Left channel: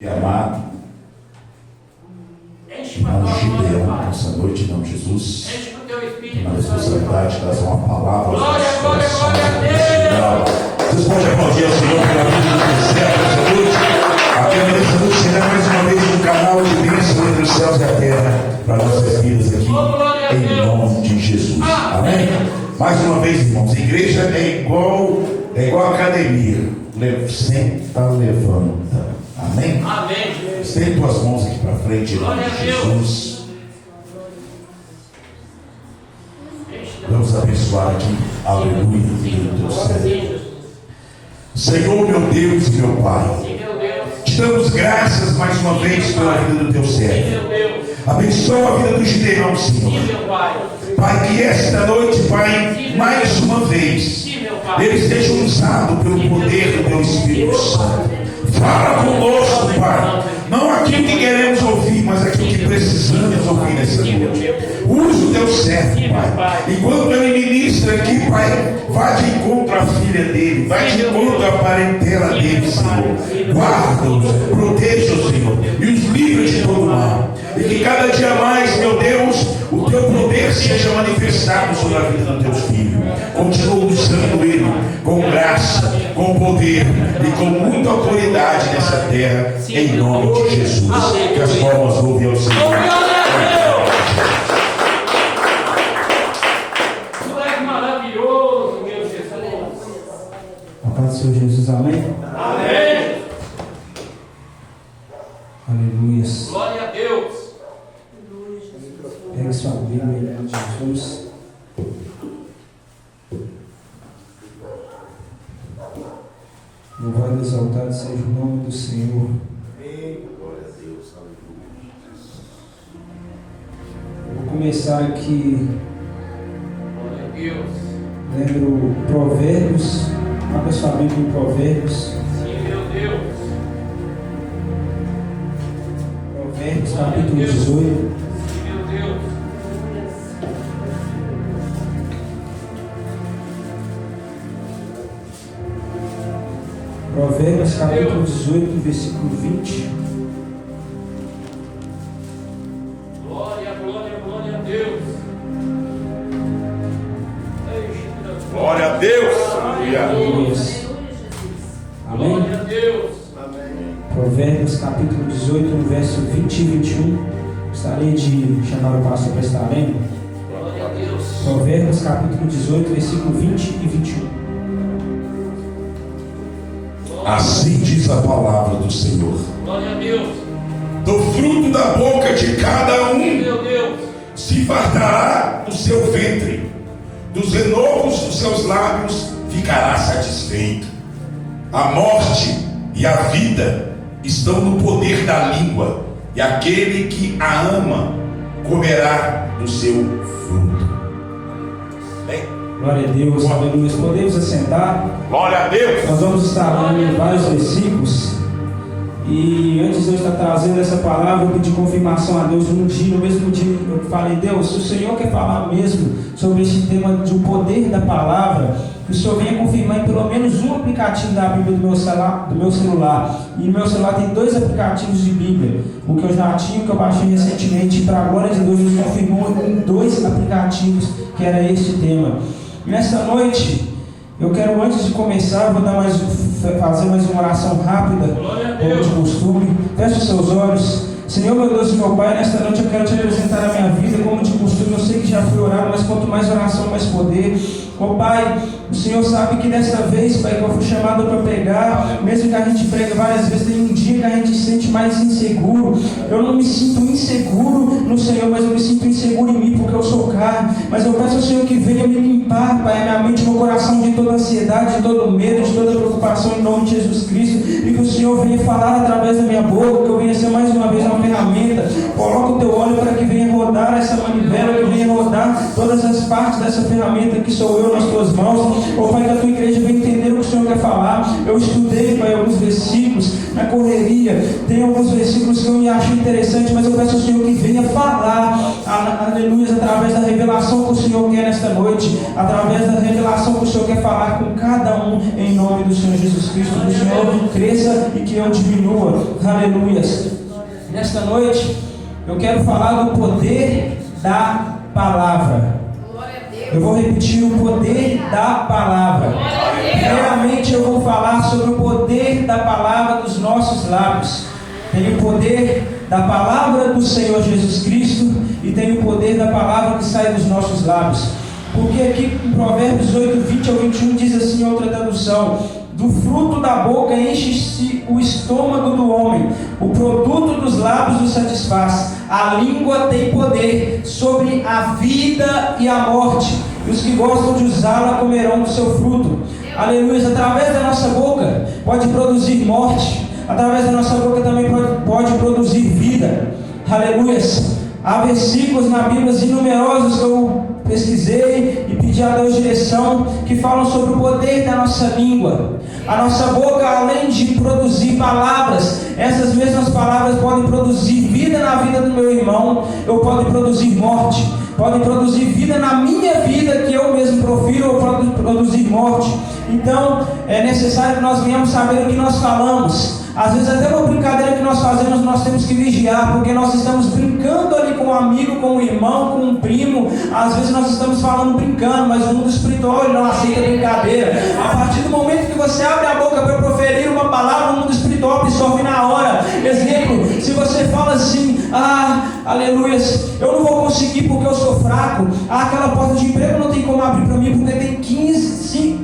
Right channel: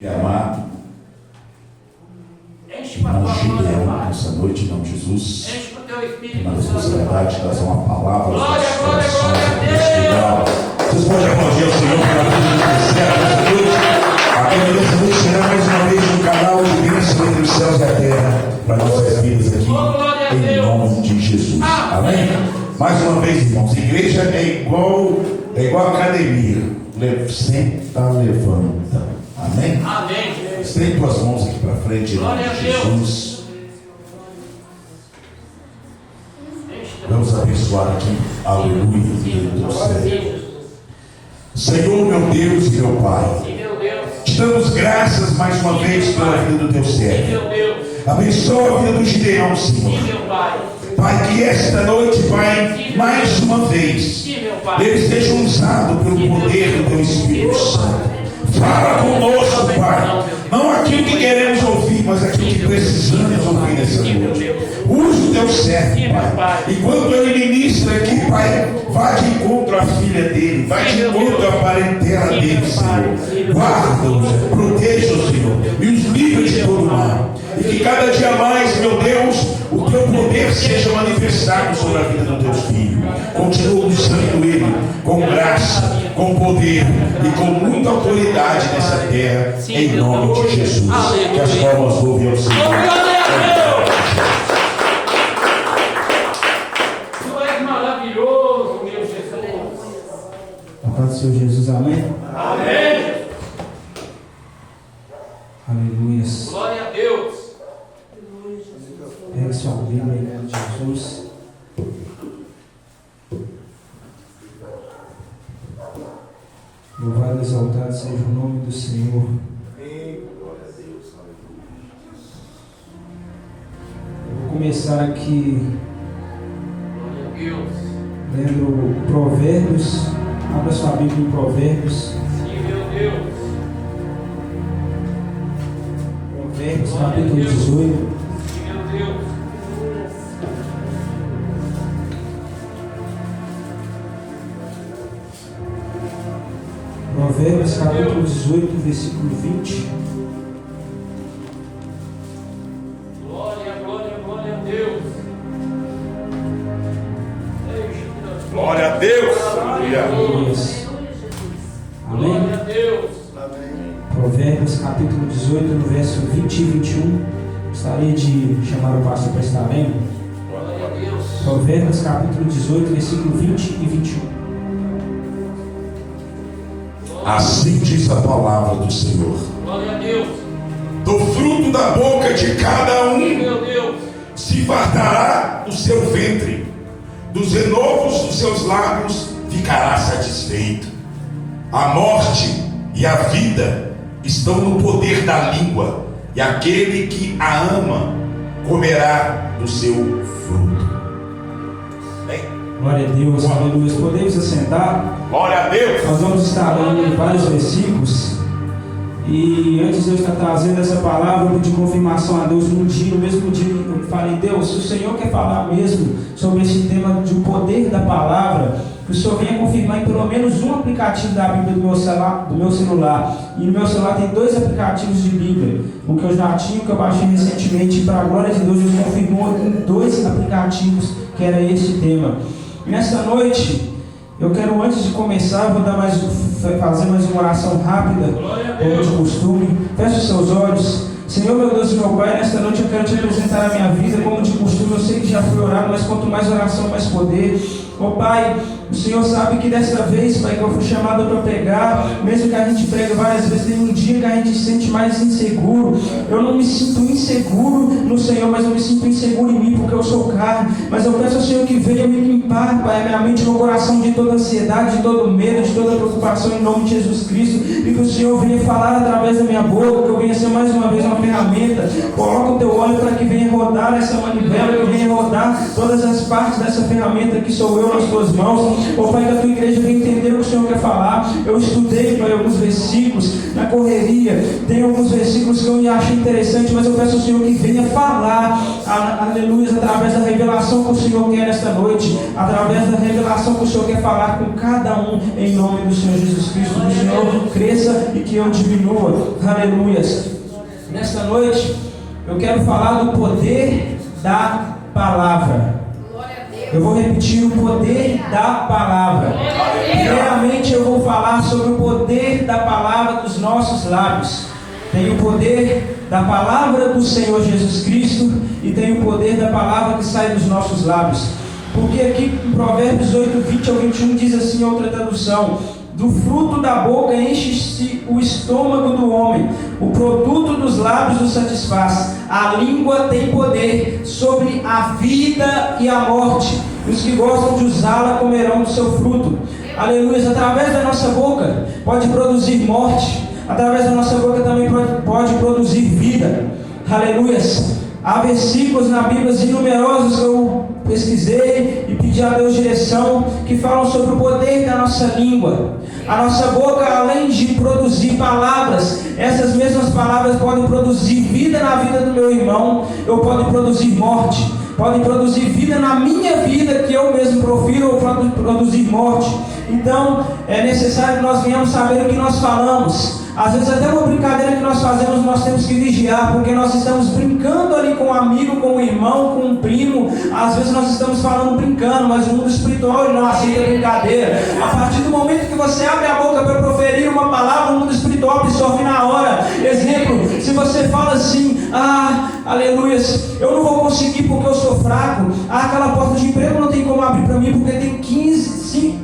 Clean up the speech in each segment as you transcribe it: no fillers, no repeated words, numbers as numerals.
Amado, irmão Gideon, nessa noite, em nome de Jesus, que na responsabilidade de trazer uma palavra aos nossos corações. Vocês podem aplaudir ao Senhor pela vida do céu nessa noite. Aqui nessa noite será mais uma vez um canal de bênção entre os céus e a terra para nossas vidas aqui, em nome de Jesus. Amém? Mais uma vez, irmãos, a igreja é igual academia. Senta, levanta. Amém? Amém. Estende tuas mãos aqui para frente, em nome de Jesus. Vamos abençoar aqui. Aleluia. Senhor, meu Deus e meu Pai, te damos graças mais uma vez pela vida do teu servo. Abençoa a vida do Gideão, Senhor. Pai, que esta noite, Pai, mais uma vez, ele esteja usado pelo poder do teu Espírito Santo. Fala conosco, Pai. Não aquilo que queremos ouvir, mas aquilo que precisamos ouvir nessa noite. Use o teu servo, Pai. Enquanto ele ministra aqui, Pai, vá de encontro à filha dele, vá de encontro à parentela dele, Senhor. Guarda-os, proteja-os, Senhor, e os livre de todo mal. E que cada dia mais, meu Deus, o teu poder seja manifestado sobre a vida dos teus filhos. Continua usando ele com graça, com poder e com muita autoridade nessa terra, em nome de Jesus. Que as palmas ouvem ao Senhor. Tu és maravilhoso, meu Jesus. A paz do Senhor Jesus, amém? Amém. Aleluia. Glória a Deus. Pega sua Bíblia em nome de Jesus. Louvado e exaltado seja o nome do Senhor. Eu vou começar aqui Glória a Deus. lendo Provérbios. Abra sua Bíblia em Provérbios. Sim, meu Deus. Provérbios, capítulo 18. Sim, meu Deus. Provérbios, capítulo 18, versículo 20. Glória, glória, glória a Deus. Glória a Deus. Aleluia. Aleluia. Amém? Glória a Deus. Provérbios capítulo 18, no verso 20 e 21. Gostaria de chamar o pastor para estar lendo. Glória a Deus. Provérbios capítulo 18, versículo 20 e 21. Assim diz a palavra do Senhor. Glória a Deus. Do fruto da boca de cada um Meu Deus. se fartará o seu ventre, dos renovos dos seus lábios ficará satisfeito. A morte e a vida estão no poder da língua, e aquele que a ama comerá do seu fruto. Bem, Glória a Deus, aleluia. Podemos assentar? glória a Deus. Nós vamos estar lendo vários versículos. E antes de eu estar trazendo essa palavra, eu pedi confirmação a Deus no mesmo dia eu falei: Deus, se o Senhor quer falar mesmo sobre esse tema do poder da palavra, que o Senhor venha confirmar em pelo menos um aplicativo da Bíblia do meu celular. E no meu celular tem 2 aplicativos de Bíblia, o que eu já tinha, o que eu baixei recentemente. Para a glória de Deus, Deus confirmou em 2 aplicativos que era esse tema. Nessa noite, eu quero, antes de começar, vou fazer mais uma oração rápida, como de costume. Feche os seus olhos. Senhor, meu Deus e meu Pai, nesta noite eu quero te apresentar a minha vida, como de costume. Eu sei que já fui orar, mas quanto mais oração, mais poder. Ó Pai, o Senhor sabe que dessa vez, Pai, que eu fui chamado para pregar, mesmo que a gente prega várias vezes, tem um dia que a gente se sente mais inseguro. Eu não me sinto inseguro no Senhor, mas eu me sinto inseguro em mim, porque eu sou carne. Mas eu peço ao Senhor que venha me limpar, Pai, a minha mente e meu coração de toda ansiedade, de todo medo, de toda preocupação, em nome de Jesus Cristo. E que o Senhor venha falar através da minha boca, que eu venha ser mais uma vez uma ferramenta. Coloca o teu óleo para que venha rodar essa manivela, que venha rodar todas as partes dessa ferramenta que sou eu nas tuas mãos. Ó Pai, que a tua igreja venha entender o que o Senhor quer falar. Eu estudei, Pai, alguns versículos na correria. Tem alguns versículos que eu me acho interessante, mas eu peço ao Senhor que venha falar, aleluia, através da revelação que o Senhor quer nesta noite, através da revelação que o Senhor quer falar com cada um, em nome do Senhor Jesus Cristo. Que o Senhor cresça e que eu diminua, aleluia. Nesta noite eu quero falar do poder da palavra. Eu vou repetir: o poder da palavra. Primeiramente eu vou falar sobre o poder da palavra dos nossos lábios. Tem o poder da palavra do Senhor Jesus Cristo e tem o poder da palavra que sai dos nossos lábios. Porque aqui em Provérbios 8, 20 ao 21 diz assim, outra tradução: do fruto da boca enche-se o estômago do homem, o produto dos lábios o satisfaz. A língua tem poder sobre a vida e a morte, e os que gostam de usá-la comerão do seu fruto. Aleluia. Através da nossa boca pode produzir morte, através da nossa boca também pode produzir vida. Aleluia. Há versículos na Bíblia inumerosos que eu pesquisei e pedi a Deus direção, que falam sobre o poder da nossa língua. A nossa boca, além de produzir palavras, essas mesmas palavras podem produzir vida na vida do meu irmão, ou podem produzir morte, podem produzir vida na minha vida, que eu mesmo profiro, ou podem produzir morte. Então é necessário que nós venhamos saber o que nós falamos. Às vezes até uma brincadeira que nós fazemos, nós temos que vigiar, porque nós estamos brincando ali com um amigo, com um irmão, com um primo. Às vezes nós estamos falando brincando, mas o mundo espiritual ele não aceita brincadeira. A partir do momento que você abre a boca para proferir uma palavra, o mundo espiritual absorve na hora. Exemplo, se você fala assim: aleluia, eu não vou conseguir porque eu sou fraco, aquela porta de emprego não tem como abrir para mim porque tem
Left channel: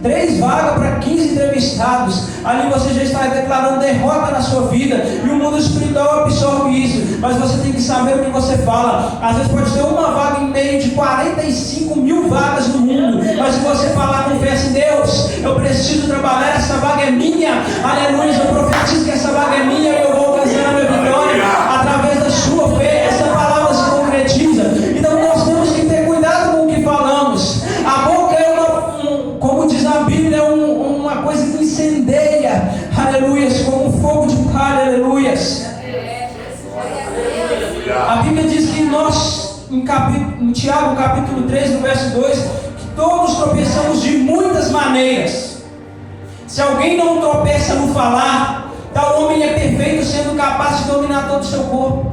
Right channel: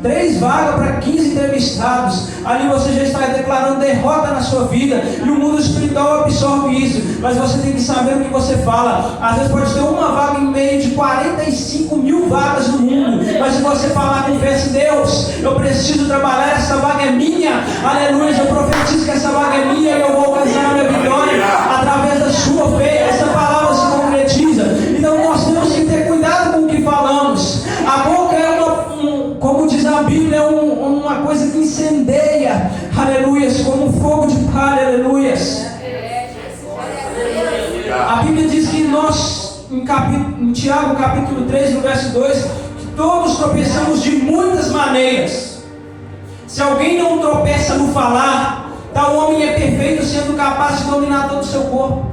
3 vagas para 15 entrevistados. Ali você já está declarando derrota na sua vida, e o mundo espiritual absorve isso. Mas você tem que saber o que você fala. Às vezes pode ter uma vaga em meio de 45 mil vagas no mundo, mas se você falar com fé: Deus, eu preciso trabalhar, essa vaga é minha, aleluia, eu profetizo que essa vaga é minha, eu vou alcançar a minha vitória através da sua fé. Essa palavra se concretiza. Então nós temos que ter cuidado com o que falamos. A boca é como diz a Bíblia, é uma coisa que incendeia, aleluia, como um fogo de palha, aleluia. A Bíblia diz que nós, em Tiago capítulo 3, no verso 2, que todos tropeçamos de muitas maneiras. Se alguém não tropeça no falar, tal homem é perfeito, sendo capaz de dominar todo o seu corpo.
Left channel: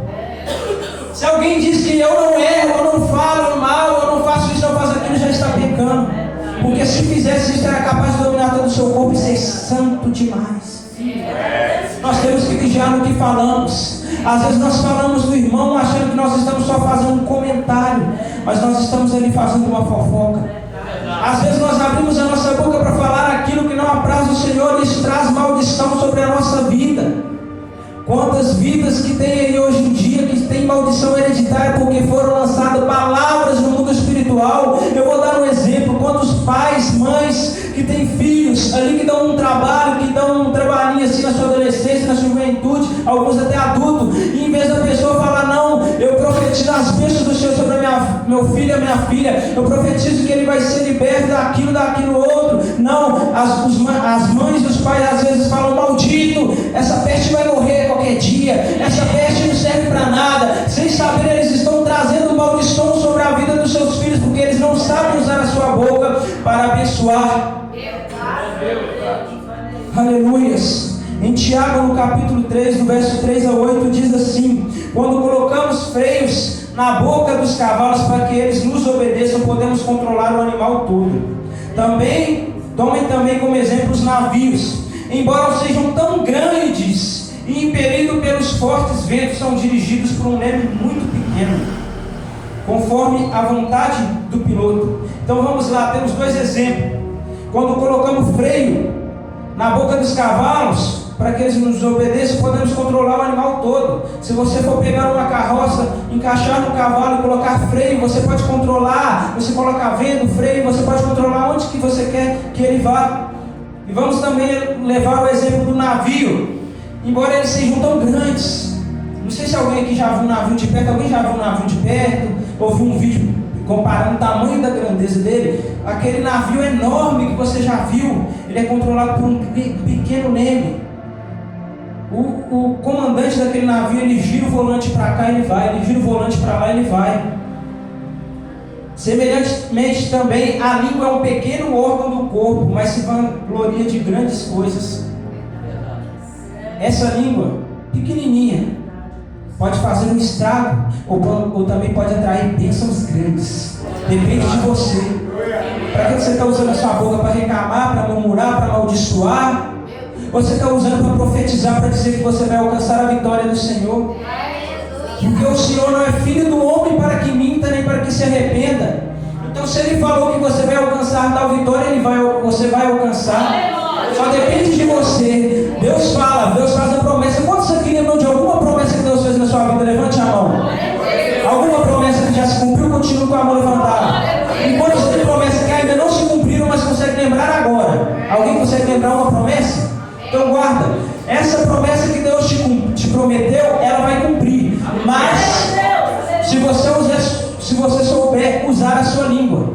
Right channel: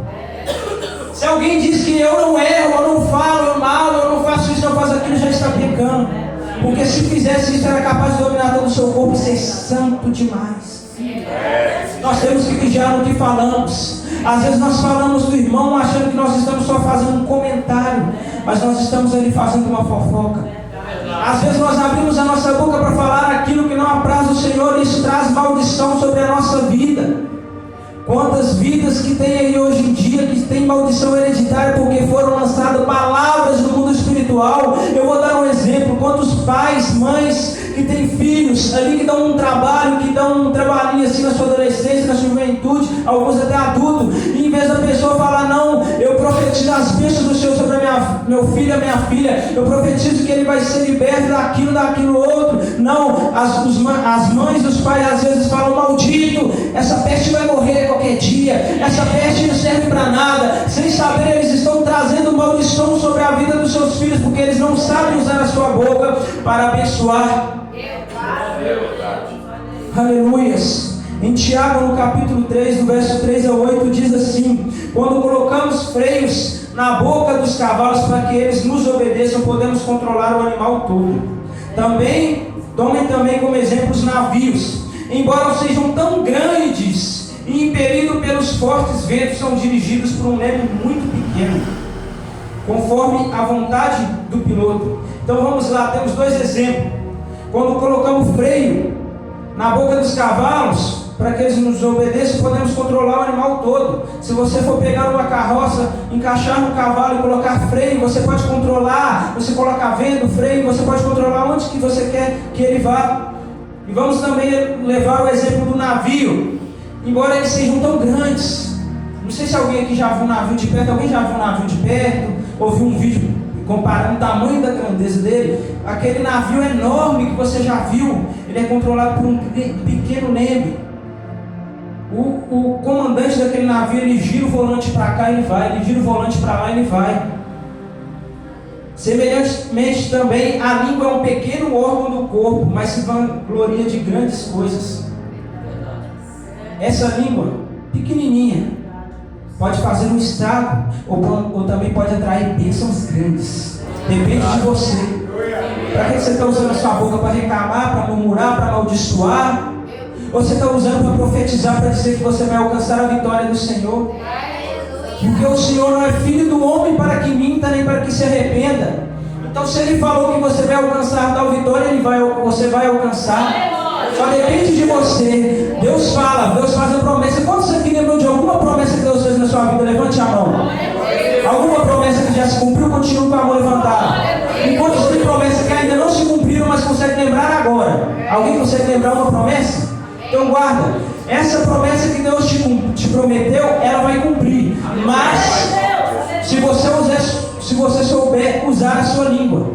Se alguém diz que eu não erro, eu não falo mal, eu não faço isso, eu faço aquilo, já está pecando. Porque se fizesse isso, era capaz de dominar todo o seu corpo e ser santo demais. Nós temos que vigiar no que falamos. Às vezes nós falamos do irmão achando que nós estamos só fazendo um comentário, mas nós estamos ali fazendo uma fofoca. Às vezes nós abrimos a nossa boca para falar aquilo que não apraz o Senhor, e isso traz maldição sobre a nossa vida. Quantas vidas que tem aí hoje em dia que tem maldição hereditária porque foram lançadas palavras no mundo espiritual. Eu vou dar um exemplo: quantos pais, mães que têm filhos ali que dão um trabalho, que dão um trabalhinho assim na sua adolescência, na sua juventude, alguns até adultos, e em vez da pessoa falar: não, eu profetizo as bênçãos do Senhor sobre meu filho e a minha filha, eu profetizo que ele vai ser liberto daquilo outro. Não, as mães, os pais às vezes falam: maldito, essa peste vai morrer qualquer dia, essa peste não serve para nada. Sem saber, eles estão trazendo maldição sobre a vida dos seus filhos, porque eles não sabem usar a sua boca para abençoar. Aleluias. Em Tiago, no capítulo 3, do verso 3 ao 8, diz assim: quando colocamos freios na boca dos cavalos para que eles nos obedeçam, podemos controlar o animal todo. Tomem também como exemplo os navios. Embora sejam tão grandes e impelidos pelos fortes ventos, são dirigidos por um leme muito pequeno, conforme a vontade do piloto. Então vamos lá, temos 2 exemplos. Quando colocamos freio na boca dos cavalos para que eles nos obedeçam, podemos controlar o animal todo. Se você for pegar uma carroça, encaixar no cavalo e colocar freio, você pode controlar. Você coloca vento, freio, você pode controlar onde que você quer que ele vá. E vamos também levar o exemplo do navio. Embora eles sejam tão grandes, não sei se alguém aqui já viu um navio de perto. Alguém já viu um navio de perto? Ou viu um vídeo comparando o tamanho da grandeza dele? Aquele navio enorme que você já viu, ele é controlado por um pequeno leme. O comandante daquele navio, ele gira o volante para cá, ele vai, ele gira o volante para lá, ele vai. Semelhantemente também, a língua é um pequeno órgão do corpo, mas se vangloria de grandes coisas. Essa língua, pequenininha, pode fazer um estrago, ou também pode atrair bênçãos grandes. Depende de você. Para que você está usando a sua boca? Para reclamar, para murmurar, para amaldiçoar? Ou você está usando para profetizar, para dizer que você vai alcançar a vitória do Senhor? Porque o Senhor não é filho do homem para que minta, nem para que se arrependa. Então, se Ele falou que você vai alcançar tal vitória, você vai alcançar. Só depende de você. Deus fala, Deus faz a promessa. Quantos aqui lembram de alguma promessa que Deus fez na sua vida? Levante a mão. Alguma promessa que já se cumpriu, continua com a mão levantada. E quantos têm promessas que ainda não se cumpriram, mas conseguem lembrar agora? Alguém consegue lembrar uma promessa? Então guarda. Essa promessa que Deus te prometeu, ela vai cumprir. Mas se você souber usar a sua língua.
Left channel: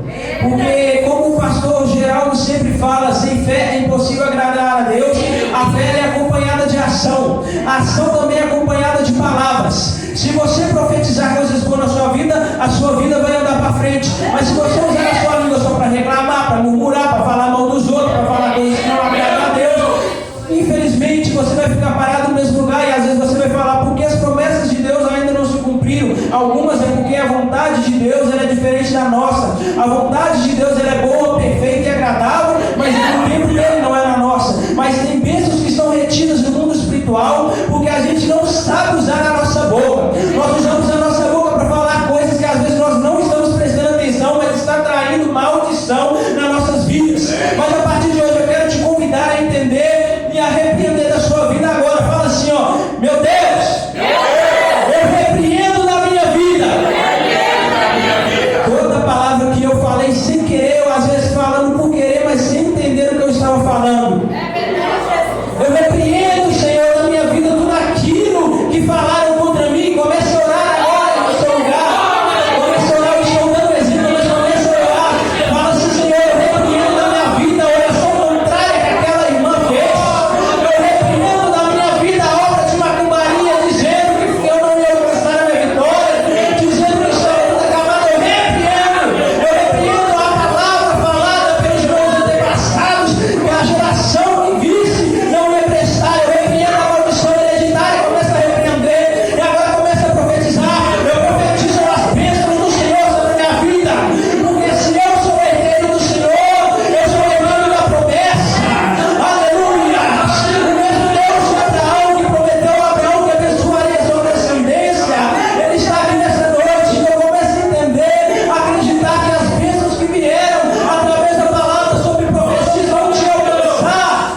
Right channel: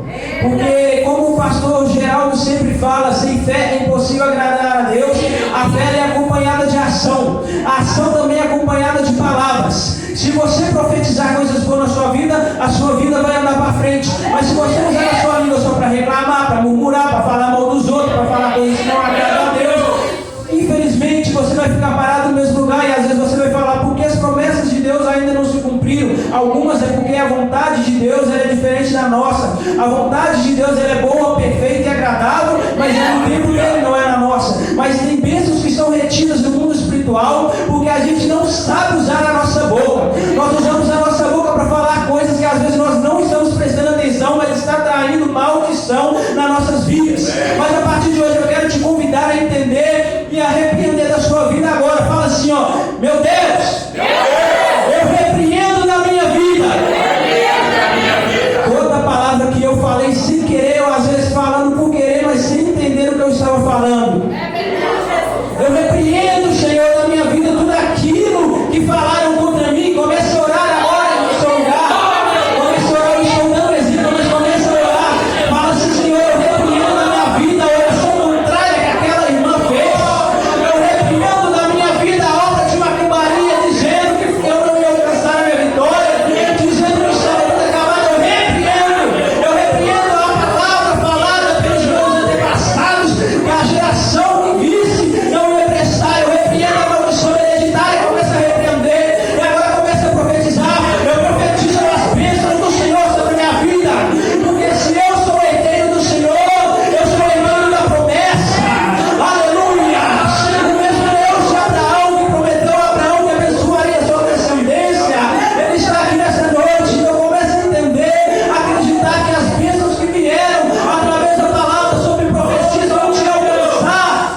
Porque como o pastor Geraldo sempre fala, sem fé é impossível agradar a Deus. A fé é acompanhada de ação. A ação também é acompanhada de palavras. Se você profetizar coisas boas na sua vida, a sua vida vai andar para frente. Mas se você usar a sua língua só para reclamar, para murmurar, para falar mal dos outros, para falar coisas que não agradam a Deus, infelizmente você vai ficar parado no mesmo lugar. E às vezes você vai falar, porque as promessas de Deus ainda não se cumpriram. Algumas é porque a vontade de Deus ela é diferente da nossa. A vontade de Deus ela é boa, perfeita e agradável, mas o tempo dele não é na nossa. Mas tem bênçãos que são retidas do mundo espiritual, porque a gente não sabe usar a nossa boca. Nós usamos a nossa boca para falar coisas que às vezes nós não estamos prestando atenção, mas está traindo maldição nas nossas vidas. Mas a partir de hoje eu quero te convidar a entender e a repreender da sua vida agora. Fala assim, ó, meu Deus, eu repreendo na minha vida toda palavra que eu falei sem querer, ou às vezes falando por querer, mas sem entender o que eu estava falando. Eu repreendo, Senhor, na minha vida tudo aquilo que falaram contra mim. Comece a orar agora no seu lugar. Comece a orar, eu estou dando exemplo, mas comece a orar. Fala assim, Senhor, eu repreendo na minha vida a oração contrária que aquela irmã fez. Eu repreendo na minha vida a obra de macumbaria, dizendo que eu não ia alcançar a minha vitória, dizendo que o céu está acabado. Eu repreendo a palavra falada pelos meus antepassados, que a geração que visse não ia prestar. Eu repreendo a maldição hereditária. Começa a repreender e agora começa a profetizar. Eu profetizo as bênçãos do Senhor sobre a minha vida, porque se eu sou herdeiro do Senhor, eu sou herdeiro da promessa. Aleluia! O mesmo Deus de Abraão que prometeu a Abraão que abençoaria a sua descendência, Ele está aqui nessa noite. Então comece a entender, acreditar que as bênçãos que vieram através da palavra sobre profecia vão te alcançar.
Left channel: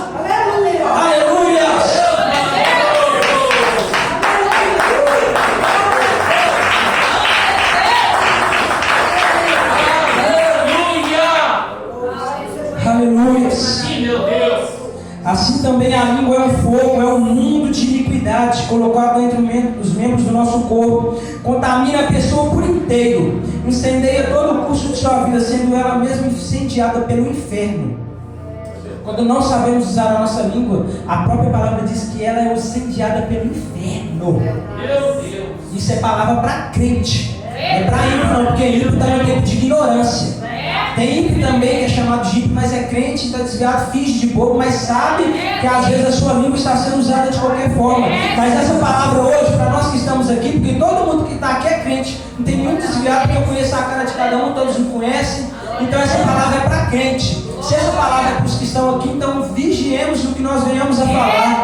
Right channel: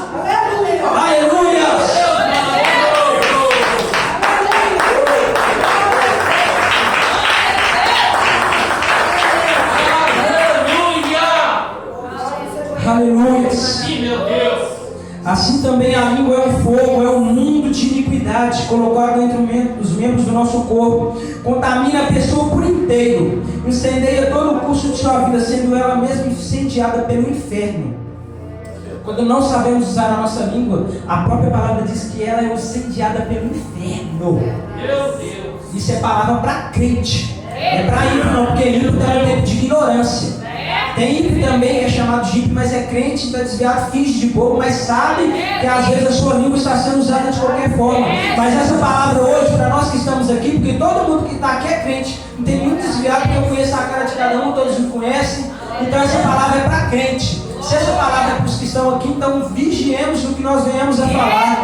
Aleluia! Aleluia! Sim, meu Deus. Assim também a língua é um fogo, é um mundo de iniquidade colocado entre os membros do nosso corpo. Contamina a pessoa por inteiro, incendeia todo o curso de sua vida, sendo ela mesma incendiada pelo inferno. Quando não sabemos usar a nossa língua, a própria palavra diz que ela é incendiada pelo inferno. Meu Deus. Isso é palavra para crente, é para ímpio não, porque ímpio também é tempo de ignorância. Tem ímpio também que é chamado de ímpio, mas é crente, está desviado, finge de bobo, mas sabe que às vezes a sua língua está sendo usada de qualquer forma. Mas essa palavra hoje, para nós que estamos aqui, porque todo mundo que está aqui é crente, não tem nenhum desviado, porque eu conheço a cara de cada um, todos me conhecem. Então essa palavra é para crente. Se essa palavra é para os que estão aqui, então vigiemos no que nós venhamos a falar.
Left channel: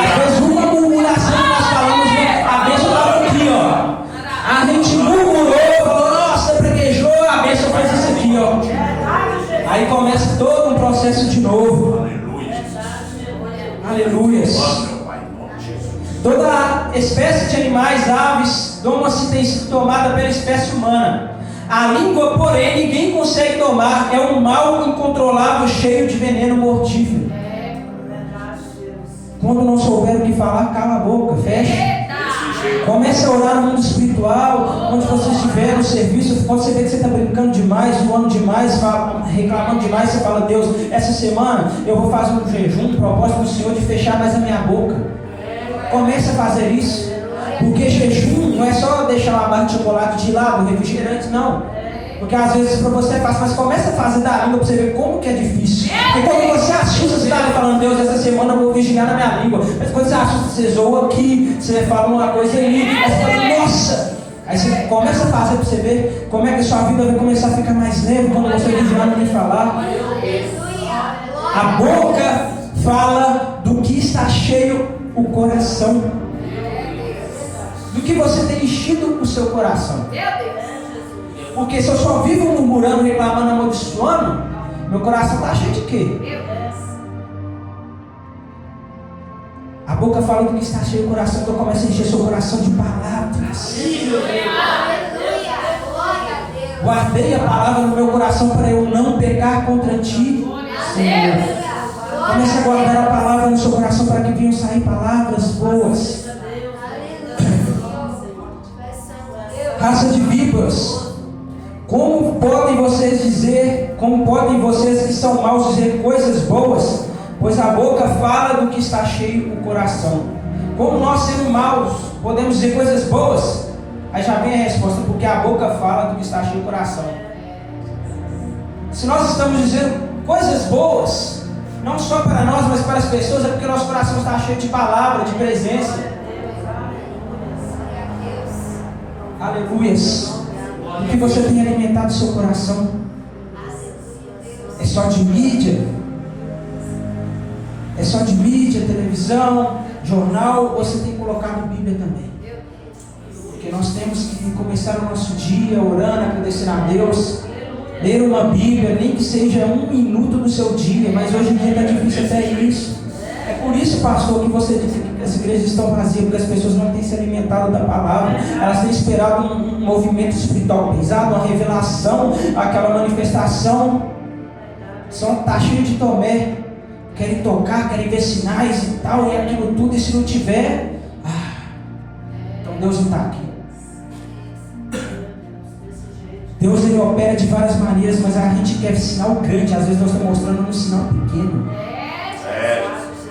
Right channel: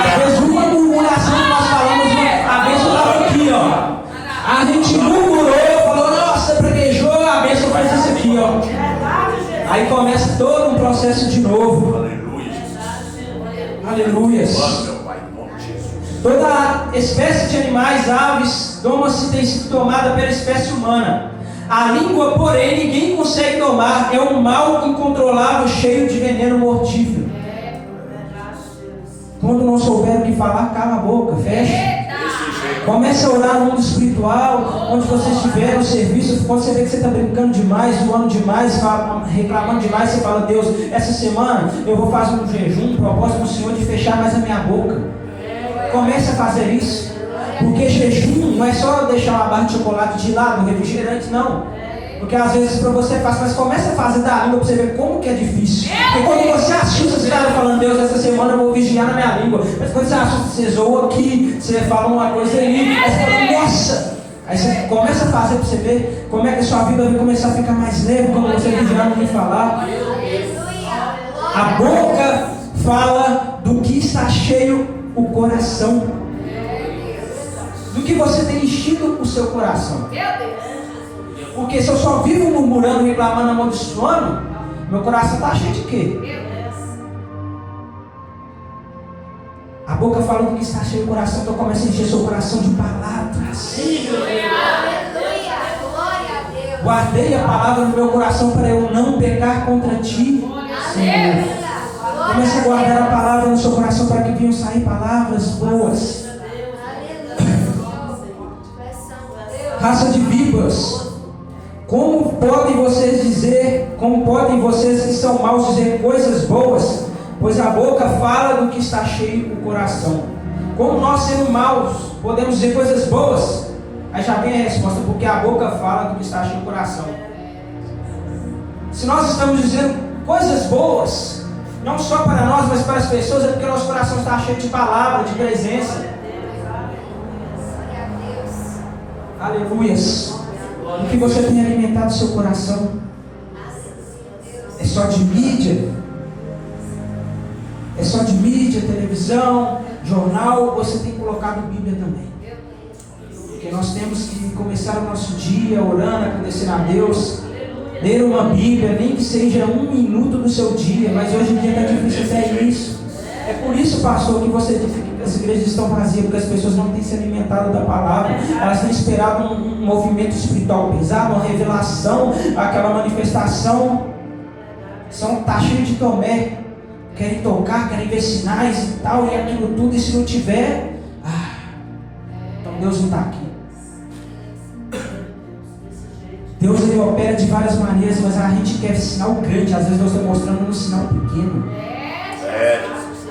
Às vezes uma murmuração que nós falamos, a bênção estava aqui, ó. A gente murmurou, falou, nossa, preguejou, a bênção faz isso aqui, ó. Aí começa todo um processo de novo. Aleluias. Toda espécie de animais, aves, doma-se tem sido tomada pela espécie humana. A língua, porém, ninguém consegue domar. É um mal incontrolável, cheio de veneno mortífero. Quando não souber o que falar, cala a boca, fecha. Comece a orar no mundo espiritual, onde você estiver no serviço. Quando você vê que você está brincando demais, zoando demais, reclamando demais, você fala, Deus, essa semana eu vou fazer um jejum, um propósito do Senhor de fechar mais a minha boca. Comece a fazer isso. Porque jejum não é só deixar uma barra de chocolate de lado, refrigerante, não. Porque às vezes para você é fácil, mas começa a fazer da língua para você ver como que é difícil. Porque quando você assusta, você está falando, Deus, essa semana eu vou vigiar na minha língua. Mas quando você assusta, você zoa aqui, você fala uma coisa ali, aí você fala, nossa! Aí você começa a fazer para você ver como é que a sua vida vai começar a ficar mais leve quando você vigiar no que falar. A boca fala do que está cheio o coração. Do que você tem enchido o seu coração. Porque se eu só vivo murmurando, reclamando, amaldiçoando, meu coração está cheio de quê? A boca fala do que está cheio o coração, então começa a encher seu coração de palavras. Guardei a palavra no meu coração para eu não pecar contra ti, Senhor. Comece a guardar a palavra no seu coração para que venham sair palavras boas. Raça de víboras, como podem vocês que são maus dizer coisas boas? Pois a boca fala do que está cheio o coração. Como nós sendo maus podemos dizer coisas boas? Aí já vem a resposta, porque a boca fala do que está cheio o coração. Se nós estamos dizendo coisas boas, não só para nós, mas para as pessoas, é porque nosso coração está cheio de palavra, de presença. Aleluias. O que você tem alimentado seu coração? É só de mídia? É só de mídia, televisão, jornal? Ou você tem colocado Bíblia também? Porque nós temos que começar o nosso dia orando, agradecendo a Deus. Ler uma Bíblia, nem que seja 1 minuto do seu dia, mas hoje em dia está difícil até isso. É por isso, pastor, que você diz que as igrejas estão vazias, porque as pessoas não têm se alimentado da palavra. Elas têm esperado um movimento espiritual pesado, uma revelação, aquela manifestação. Está cheio de Tomé, querem tocar, querem ver sinais e tal, e aquilo tudo, e se não tiver, então Deus não está aqui. Deus ele opera de várias maneiras, mas a gente quer sinal grande, às vezes Deus está mostrando um sinal pequeno.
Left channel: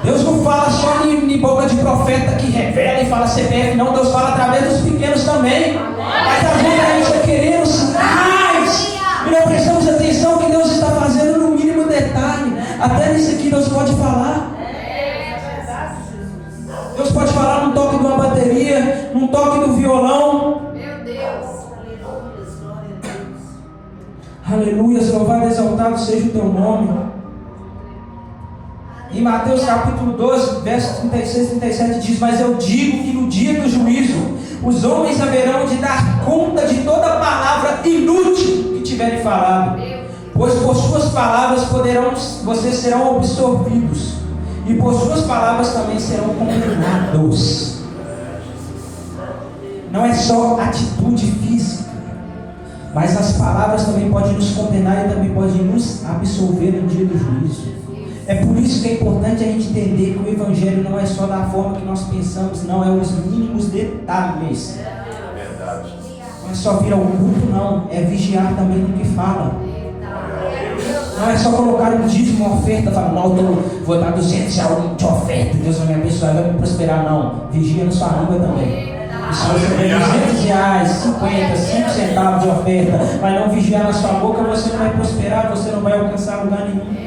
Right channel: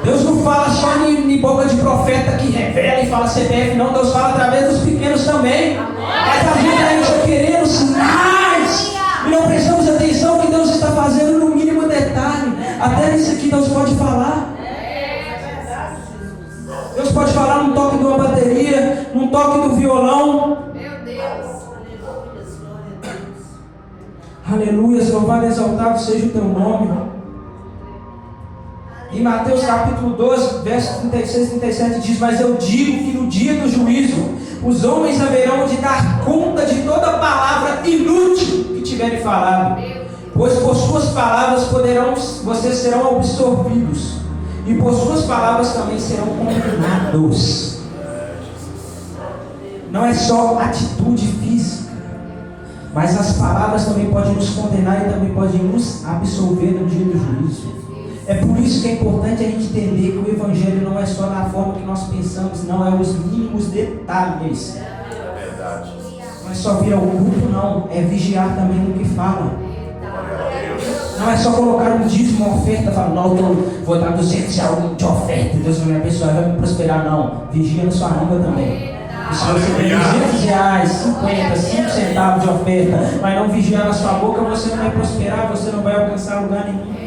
Deus não fala só em boca de profeta que revela e fala CPF, não. Deus fala através dos pequenos também. Mas às vezes a gente está querendo sinais e não prestamos atenção que Deus está fazendo no mínimo detalhe. Até nisso aqui Deus pode falar. Deus pode falar num toque de uma bateria, num toque do violão. Aleluia, louvado e exaltado seja o teu nome. Em Mateus capítulo 12, verso 36 e 37 diz: mas eu digo que no dia do juízo os homens haverão de dar conta de toda palavra inútil que tiverem falado, pois por suas palavras vocês serão absorvidos, e por suas palavras também serão condenados. Não é só atitude física, mas as palavras também podem nos condenar e também podem nos absolver no dia do juízo. É por isso que é importante a gente entender que o Evangelho não é só da forma que nós pensamos, não, é os mínimos detalhes. Não é só vir ao culto, não, é vigiar também no que fala. Não é só colocar um dízimo, uma oferta, falar, não, eu vou dar 200 reais de oferta, Deus vai me abençoar, vai me prosperar, não. Vigia na sua língua também. E se você tem 200 reais, 50, 5 centavos de oferta, mas não vigiar na sua boca, você não vai prosperar, você não vai alcançar lugar nenhum.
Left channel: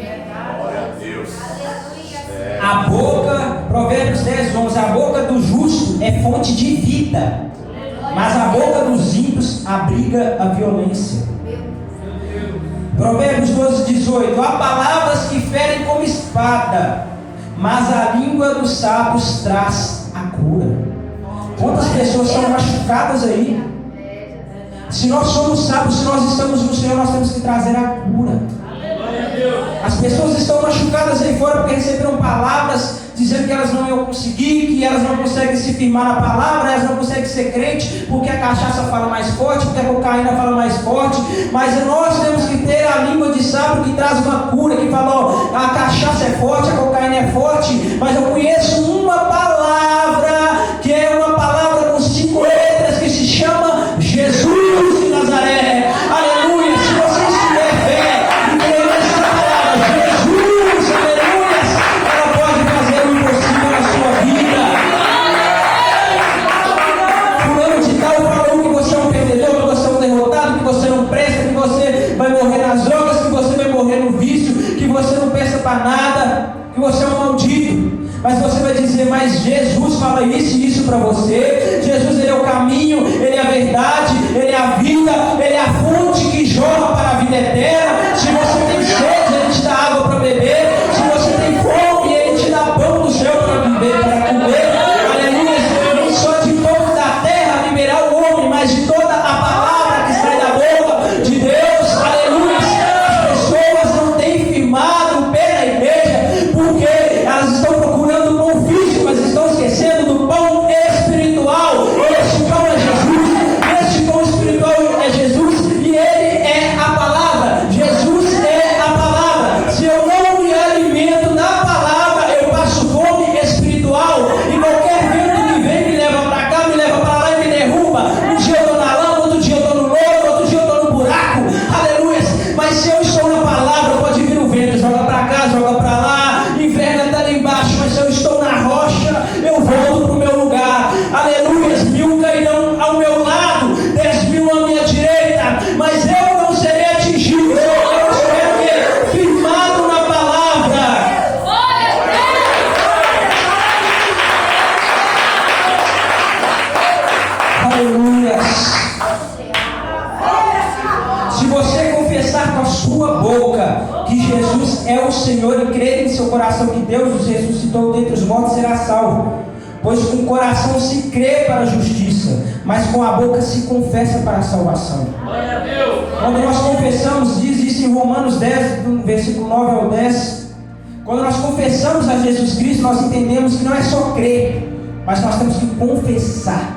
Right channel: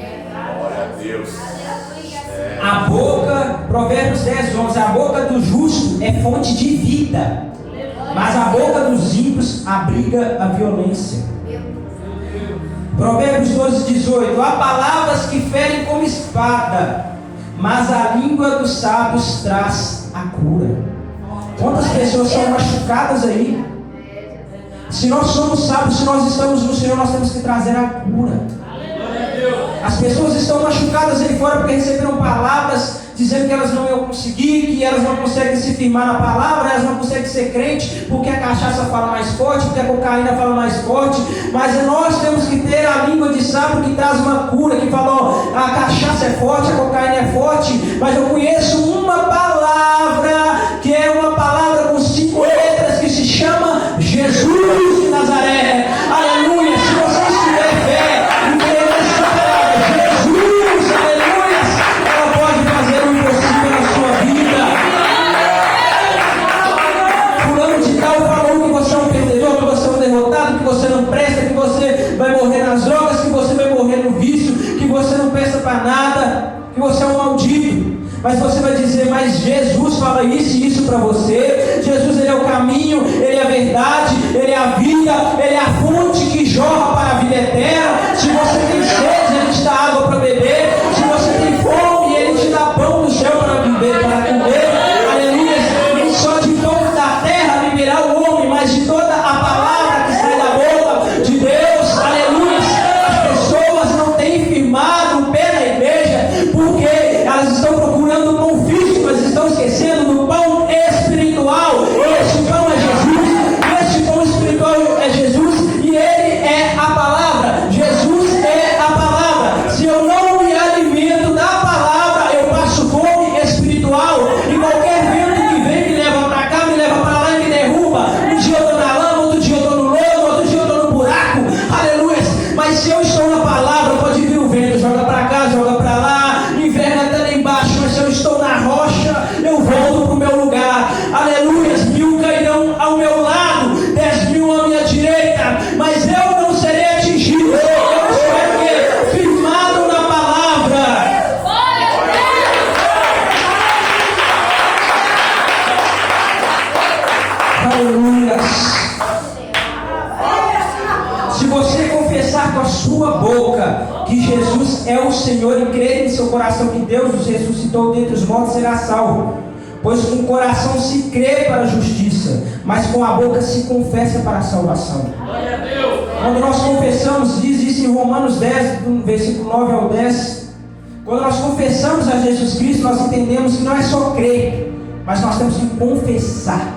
A boca, Provérbios 10, 11, a boca do justo é fonte de vida, mas a boca dos ímpios abriga a violência. Provérbios 12, 18, há palavras que ferem como espada, mas a língua dos sábios traz a cura. Quantas pessoas são machucadas aí? Se nós somos sábios, se nós estamos no Senhor, nós temos que trazer a cura. As pessoas estão machucadas aí fora porque receberam palavras dizendo que elas não iam conseguir, que elas não conseguem se firmar na palavra, elas não conseguem ser crente porque a cachaça fala mais forte, porque a cocaína fala mais forte. Mas nós temos que ter a língua de sábio que traz uma cura, que fala, ó, a cachaça é forte, a cocaína é forte, mas eu conheço uma palavra que é uma palavra com 5 letras que se chama Jesus de Nazaré. Aleluia! Se você tiver fé, para nada, que você é um maldito. Mas você vai dizer, mas Jesus fala isso e isso para você. Jesus, Ele é o caminho, Ele é a verdade, Ele é a vida, Ele é a fonte que jorra para a vida eterna. Se você tem sede, Ele te dá água para beber. Se você tem fome, Ele te dá pão do céu para viver, para comer. Aleluia. Nem só de pão da terra liberar o homem, mas de toda a palavra que sai da boca de Deus. Aleluia. As pessoas não têm firmado o pé na igreja porque elas estão procurando o pão físico, mas estão esquecendo do pão espiritual. Esse pão é Jesus, esse pão espiritual é Jesus, e Ele é a palavra. Jesus é a palavra. Se eu não me alimento da palavra, eu passo fome espiritual, e qualquer vento que vem me leva para cá, me leva para lá e me derruba. Um dia eu estou na lama, outro dia eu estou no lodo, outro dia eu estou no buraco. Aleluia. Mas se eu estou na palavra, pode vir o vento, joga para cá, joga para lá, inverno até lá embaixo, mas se eu estou na rocha, eu volto para o meu lugar. Aleluia. 1000 cairão ao meu lado, 10.000 à minha direita, mas eu não serei atingido. Eu serei firmado na palavra. Aleluia. Se você confessar com a sua boca que Jesus é o Senhor e crer em seu coração que Deus os ressuscitou dentre os mortos, será salvo. Pois com o coração se crê para a justiça, mas com a boca se confessa para a salvação. Glória a Deus. Quando nós confessamos, diz isso em Romanos 10, do versículo 9 ao 10. Quando nós confessamos a Jesus Cristo, nós entendemos que não é só crer, mas nós temos que confessar.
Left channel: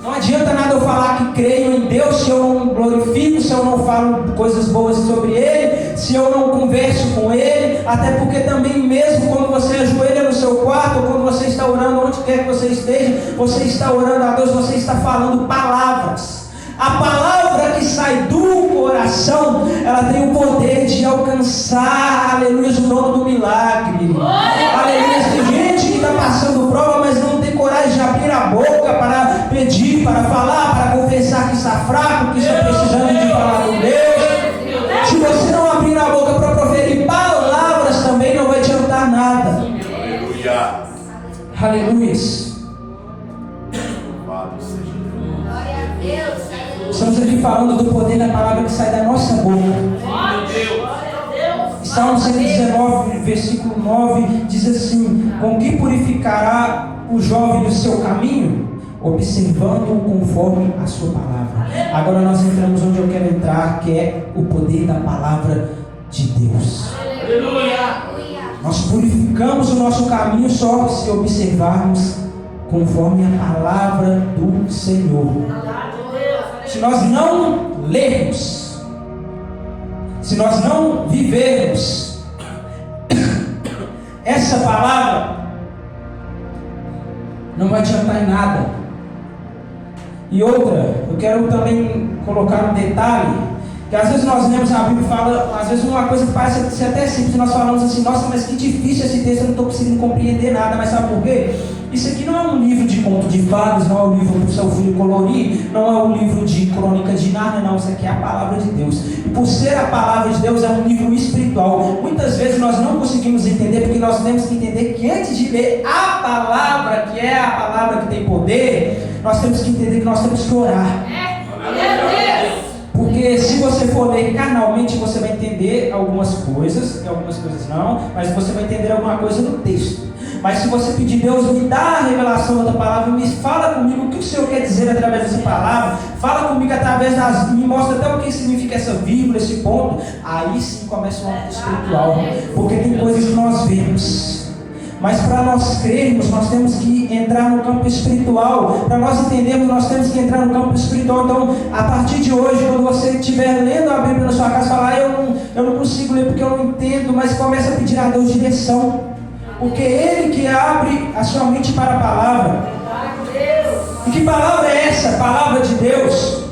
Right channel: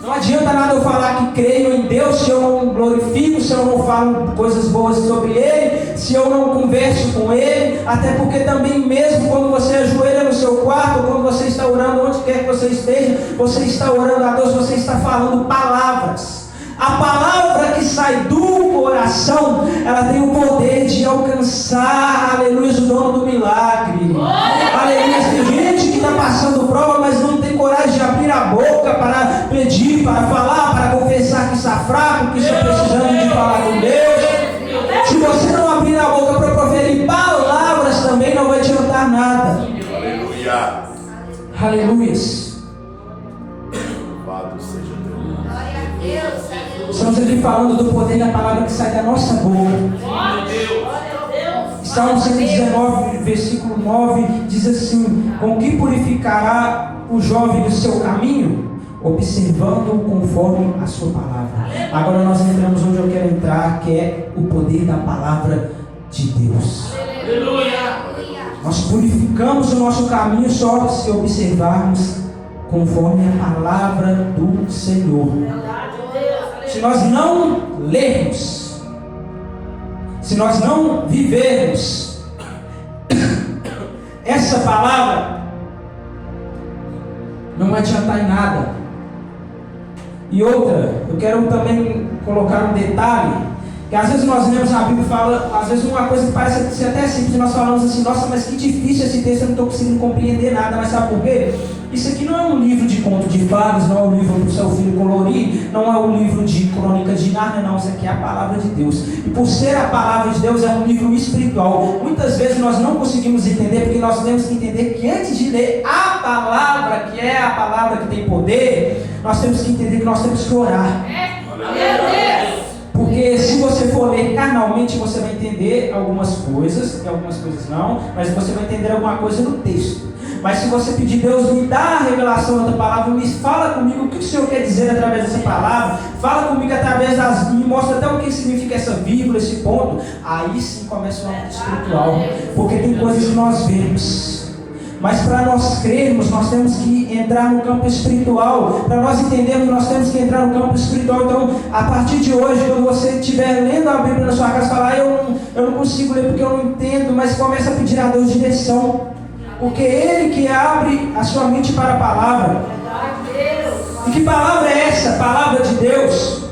Não adianta nada eu falar que creio em Deus se eu não glorifico, se eu não falo coisas boas sobre Ele, se eu não converso com Ele. Até porque também mesmo quando você ajoelha no seu quarto, ou quando você está orando onde quer que você esteja, você está orando a Deus, você está falando palavras. A palavra que sai do coração, ela tem o poder de alcançar, aleluia, o dono do milagre. Aleluia. Tem gente que está passando prova, mas não tem coragem de abrir a boca para pedir, para falar, para confessar que está fraco, que está precisando de falar com Deus. Se você não abrir a boca para proferir palavras, também não vai adiantar nada. Aleluia. Aleluia. Estamos aqui falando do poder da palavra que sai da nossa boca. Salmo 119, versículo 9, diz assim: com que purificará o jovem o seu caminho? Observando conforme a sua palavra. Agora nós entramos onde eu quero entrar, que é o poder da palavra de Deus. Aleluia. Nós purificamos o nosso caminho só se observarmos conforme a palavra do Senhor. Se nós não lermos, se nós não vivermos essa palavra, não vai adiantar em nada. E outra, eu quero também colocar um detalhe, que às vezes nós lemos a Bíblia e fala, às vezes uma coisa que parece ser até simples, nós falamos assim, nossa, mas que difícil esse texto, eu não estou conseguindo compreender nada. Mas sabe por quê? Isso aqui não é um livro de conto de fadas, não é um livro para o seu filho colorir, não é um livro de crônica de Nárnia, não. Isso aqui é a palavra de Deus. E por ser a palavra de Deus, é um livro espiritual. Muitas vezes nós não conseguimos entender, porque nós temos que entender que antes de ler a palavra, que é a palavra que tem poder, nós temos que entender que nós temos que orar. Porque se você for ler carnalmente, você vai entender algumas coisas, e algumas coisas não, mas você vai entender alguma coisa no texto. Mas se você pedir, Deus, me dá a revelação da palavra, me fala comigo o que o Senhor quer dizer através dessa palavra, fala comigo através das, me mostra até o que significa essa vírgula, esse ponto, aí sim começa o ato espiritual, porque tem coisas que nós vemos. Mas para nós crermos, nós temos que entrar no campo espiritual. Para nós entendermos, nós temos que entrar no campo espiritual. Então, a partir de hoje, quando você estiver lendo a Bíblia na sua casa, falar, eu não consigo ler porque eu não entendo, mas começa a pedir a Deus direção. Porque Ele que abre a sua mente para a palavra. E que palavra é essa? Palavra de Deus.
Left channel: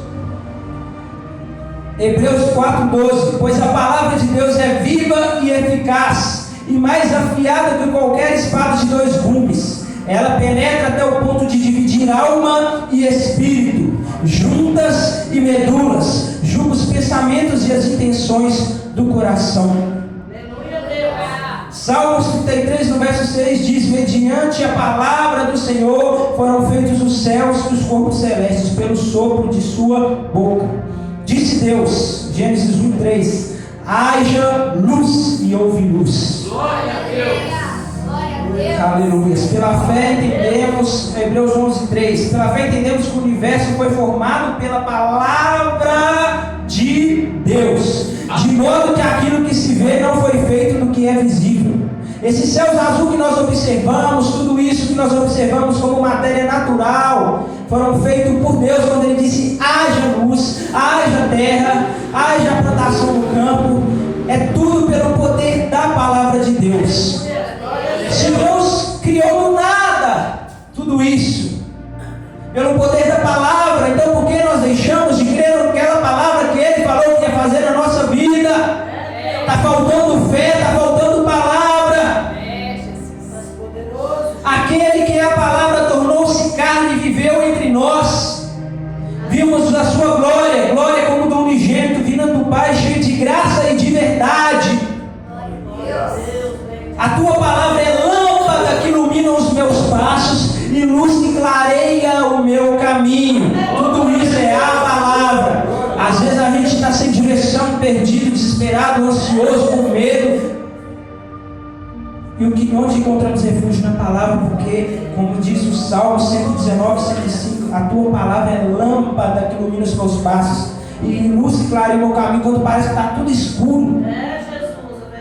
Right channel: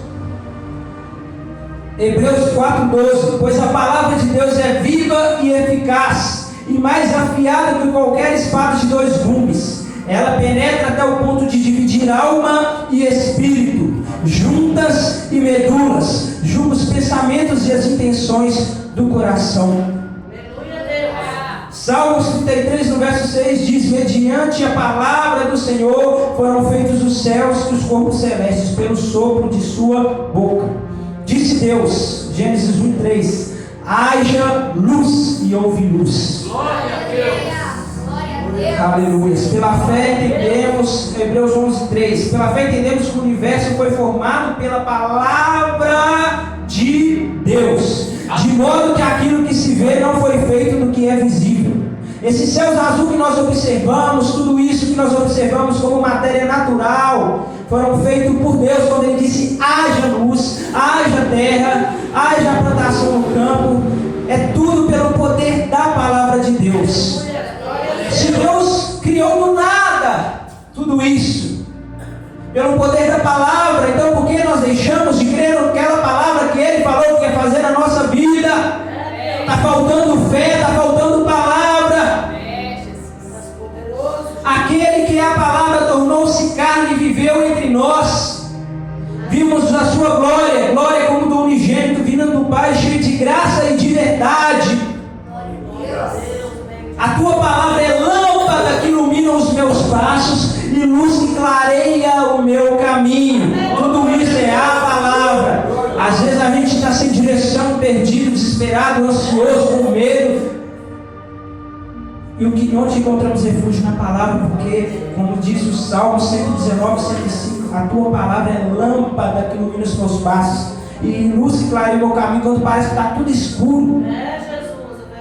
Hebreus 4:12. Pois a palavra de Deus é viva e eficaz, e mais afiada que qualquer espada de 2 gumes. Ela penetra até o ponto de dividir alma e espírito, juntas e medulas, julga os pensamentos e as intenções do coração. Salmos 33, no verso 6 diz: mediante a palavra do Senhor foram feitos os céus e os corpos celestes, pelo sopro de sua boca. Disse Deus, Gênesis 1:3: haja luz, e houve luz. Glória a Deus. Aleluia. Pela fé entendemos, Hebreus 11:3, pela fé entendemos que o universo foi formado pela palavra de Deus, de modo que aquilo que se vê não foi feito do que é visível. Esses céus azul que nós observamos, tudo isso que nós observamos como matéria natural, foram feitos por Deus quando Ele disse: haja luz, haja terra, haja plantação no campo. É tudo pelo poder da palavra de Deus. Se Deus criou do nada tudo isso, pelo poder da palavra, então por que nós deixamos de crer naquela palavra que Ele falou que ia fazer na nossa vida? Está faltando fé, está faltando palavra. Aquele que é a palavra tornou-se carne e viveu entre nós. Vimos a sua glória, glória como do unigênito, vindo do Pai, cheio de graça e de verdade. A tua palavra é lâmpada que ilumina os meus passos e luz que clareia o meu caminho. Tudo isso é a palavra. Às vezes a gente está sem direção, perdido, desesperado, ansioso, com medo. E onde encontramos refúgio? Na palavra, porque, como diz o Salmo 119, 105, a tua palavra é lâmpada que ilumina os meus passos e luz que clareia o meu caminho, quando parece que está tudo escuro.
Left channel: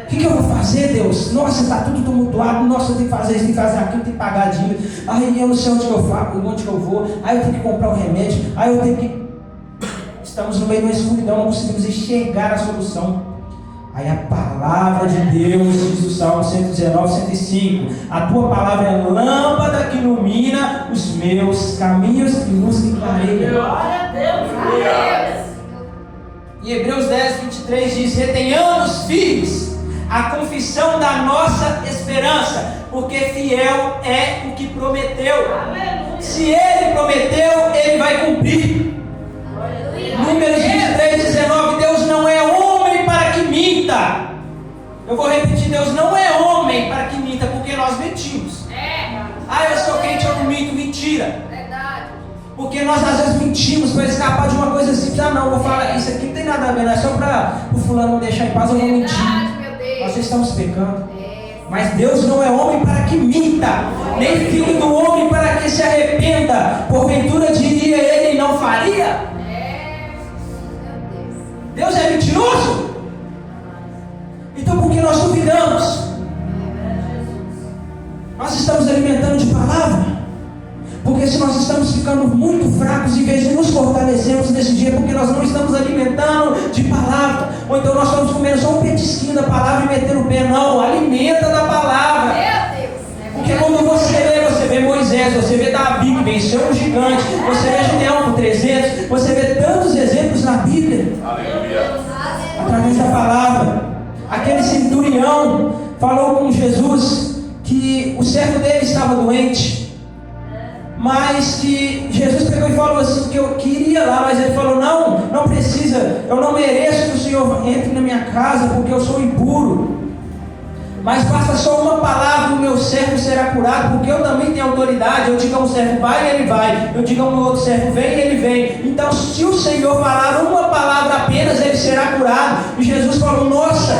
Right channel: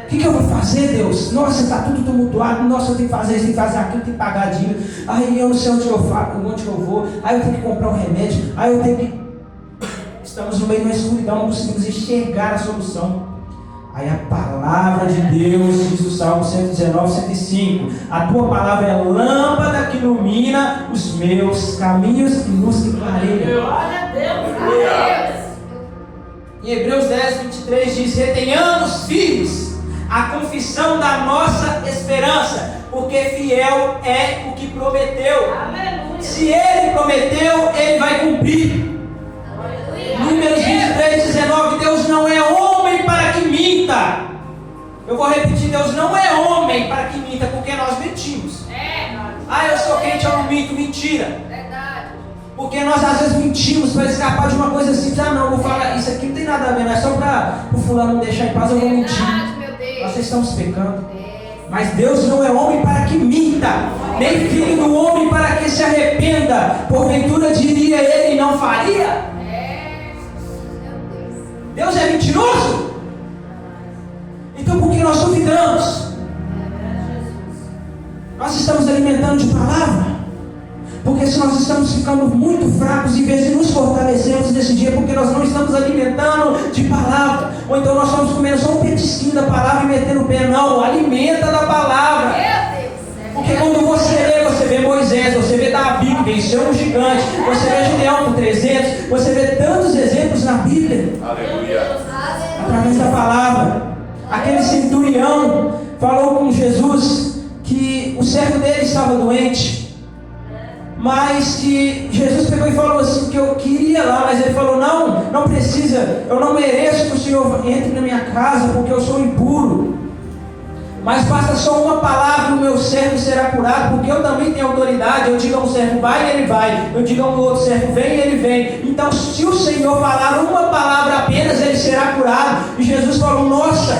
O que eu vou fazer, Deus? Nossa, está tudo tumultuado. Nossa, eu tenho que fazer isso, tenho que fazer aquilo, tenho que pagar a dívida. Aí eu não sei onde que eu vou. Aí eu tenho que comprar um remédio. Aí eu tenho que... Estamos no meio da escuridão, não conseguimos enxergar a solução. Aí a palavra de Deus, diz o Salmo 119, 105: a tua palavra é lâmpada que ilumina os meus caminhos e luz que clareia. Glória a Deus. Em Hebreus 10, 23 diz: retenhamos firmes a confissão da nossa esperança, porque fiel é o que prometeu. Aleluia. Se Ele prometeu, Ele vai cumprir. Números 23, 19: Deus não é homem para que minta. Eu vou repetir: Deus não é homem para que minta, porque nós mentimos. Eu sou crente, eu não minto. Mentira. Porque nós às vezes mentimos para escapar de uma coisa simples. Não, vou falar, isso aqui não tem nada a ver, não é só para o fulano não deixar em paz, eu vou mentir. Nós estamos pecando. Mas Deus não é homem para que minta, nem filho do homem para que se arrependa. Porventura diria ele e não faria? Deus é mentiroso? Então por que nós duvidamos? Nós estamos alimentando de palavra? Porque se nós estamos ficando muito fracos, em vez de nos fortalecermos nesse dia, porque nós não estamos alimentando de palavra, ou então nós estamos comendo só um petisquinho da palavra e metendo o pé. Não, alimenta da palavra. Porque quando você vê Moisés, você vê Davi que venceu um gigante, você vê Gideão com 300, você vê tantos exemplos na Bíblia. Aleluia. Através da palavra. Aquele centurião falou com Jesus que o servo dele estava doente, mas que Jesus pegou e falou assim, que eu queria lá, mas ele falou: não precisa, eu não mereço que o Senhor entre na minha casa, porque eu sou impuro, mas basta só uma palavra e o meu servo será curado, porque eu também tenho autoridade. Eu digo a um servo vai, ele vai, eu digo a um outro servo vem, ele vem. Então se o Senhor falar uma palavra apenas, ele será curado. E Jesus falou: nossa,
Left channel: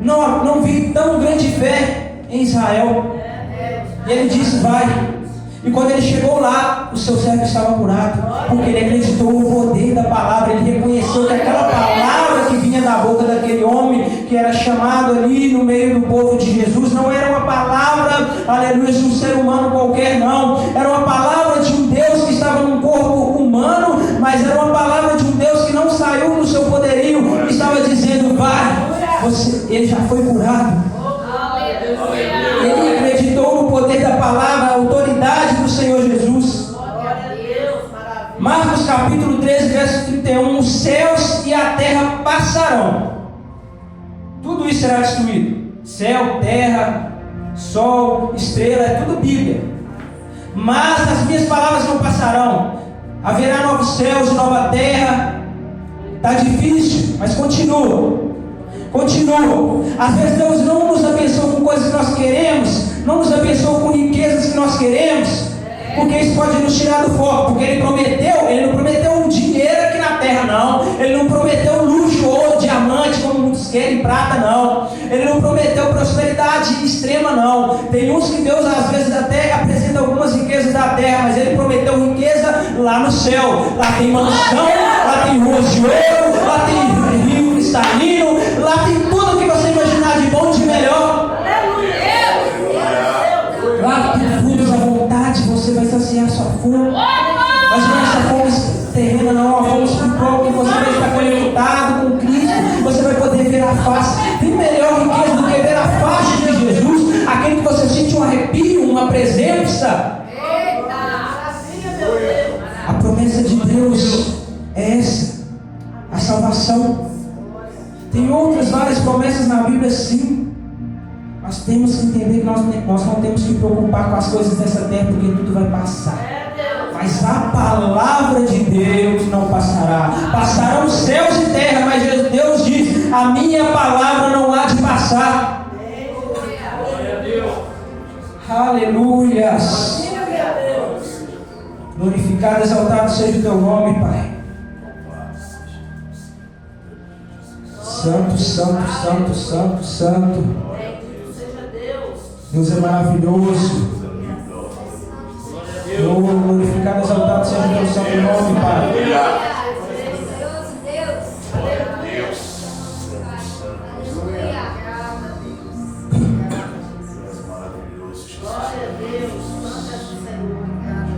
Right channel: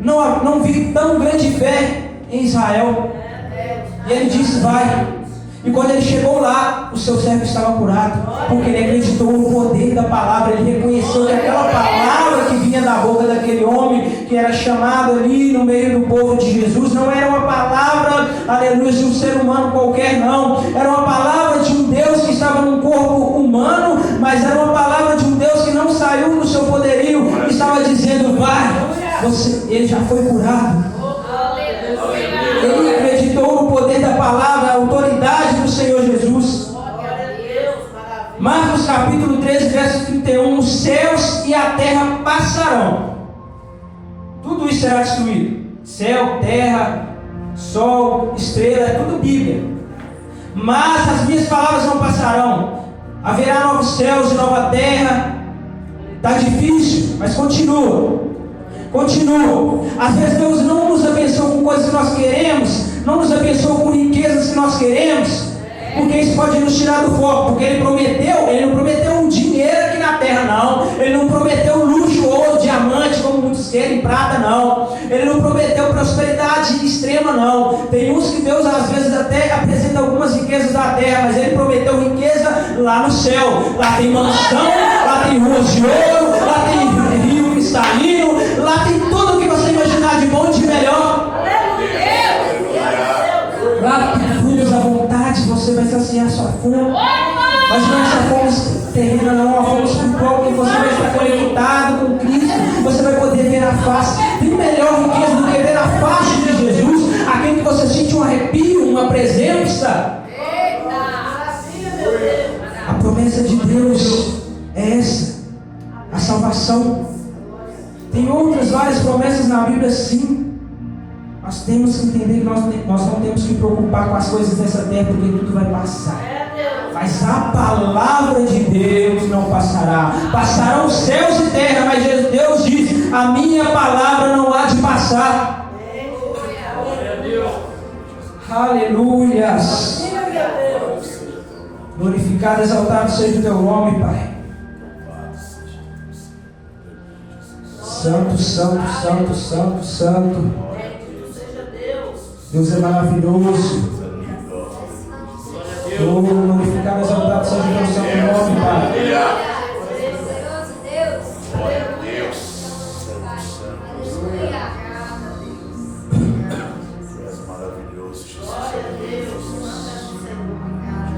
não vi tão grande fé em Israel. E ele disse: vai. E quando ele chegou lá, o seu servo estava curado, porque ele acreditou no poder da palavra. Ele reconheceu que aquela palavra que vinha da boca daquele homem, que era chamado ali no meio do povo de Jesus, não era uma palavra, aleluia, de um ser humano qualquer, não. Era uma palavra de um Deus que estava num corpo humano, mas era uma palavra de um Deus que não saiu no seu poderio, estava dizendo: vai, ele já foi curado. Ele acreditou no poder da palavra, a autoridade do Senhor Jesus. Marcos capítulo 13, verso 31: os céus e a terra passarão, tudo isso será destruído. Céu, terra, sol, estrela, é tudo Bíblia. Mas as minhas palavras não passarão. Haverá novos céus e nova terra. Está difícil, mas continua. Continuo. Às vezes Deus não nos abençoa com coisas que nós queremos, não nos abençoa com riquezas que nós queremos, porque isso pode nos tirar do foco. Porque Ele não prometeu um dinheiro aqui na terra, não. Ele não prometeu luxo, ouro, diamante, como muitos querem, prata, não. Ele não prometeu prosperidade extrema, não. Tem uns que Deus às vezes até apresenta algumas riquezas da terra, mas Ele prometeu riqueza lá no céu. Lá tem mansão, lá tem ruas de ouro, lá tem rio cristalino, lá tem tudo que você imaginar de bom e de melhor. Lá que frutos à vontade, você vai saciar a sua fome. Mas não é essa fome terrena, não, a fome espiritual, que você vai estar conectado com Cristo, você vai poder ver a face. Tem melhor riqueza do que ver a face de Jesus, aquele que você sente um arrepio, uma presença. A promessa de Deus é essa, a salvação. Tem outras várias promessas na Bíblia, sim. Nós temos que entender que nós não temos que preocupar com as coisas dessa terra, porque tudo vai passar. Mas a palavra de Deus não passará. Passarão céus e terra, mas Deus diz: a minha palavra não há de passar. Aleluias. Glorificado, exaltado seja o teu nome, Pai. Santo, santo, santo, santo, santo. Deus é maravilhoso. Glorificado, exaltado seja o teu santo nome, Pai.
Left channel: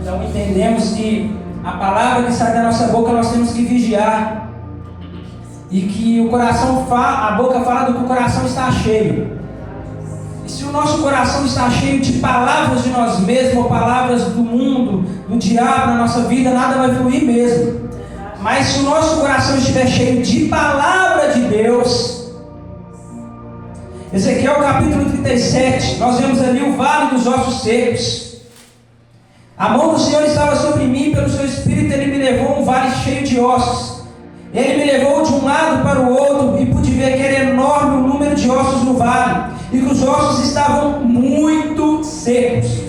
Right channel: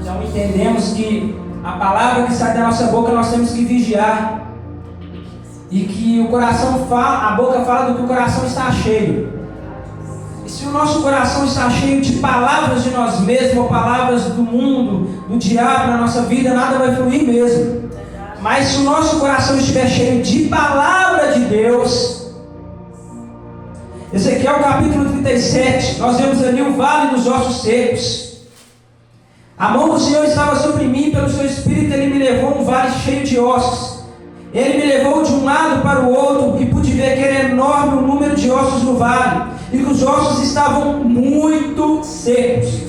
Então entendemos que a palavra que sai da nossa boca nós temos que vigiar. E que o coração fala, a boca fala do que o coração está cheio. E se o nosso coração está cheio de palavras de nós mesmos, ou palavras do mundo, do diabo na nossa vida, nada vai fluir mesmo. Mas se o nosso coração estiver cheio de palavra de Deus, Ezequiel capítulo 37, nós vemos ali o vale dos ossos secos. A mão do Senhor estava sobre mim, pelo seu espírito Ele me levou a um vale cheio de ossos. Ele me levou de um lado para o outro, e pude ver que era enorme o número de ossos no vale, e que os ossos estavam muito secos.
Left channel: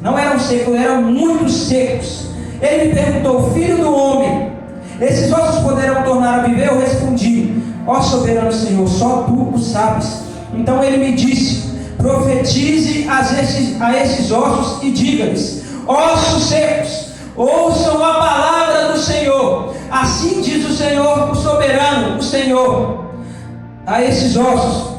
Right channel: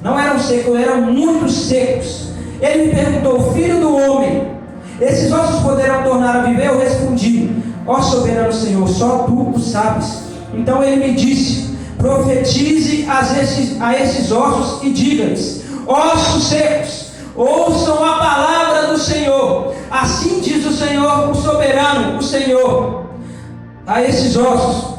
Não eram secos, eram muito secos. Ele me perguntou: filho do homem, esses ossos poderão tornar a viver? Eu respondi: ó soberano Senhor, só tu o sabes. Então ele me disse: profetize a esses ossos e diga-lhes: ossos secos, ouçam a palavra do Senhor. Assim diz o Senhor, o soberano, o Senhor, a esses ossos:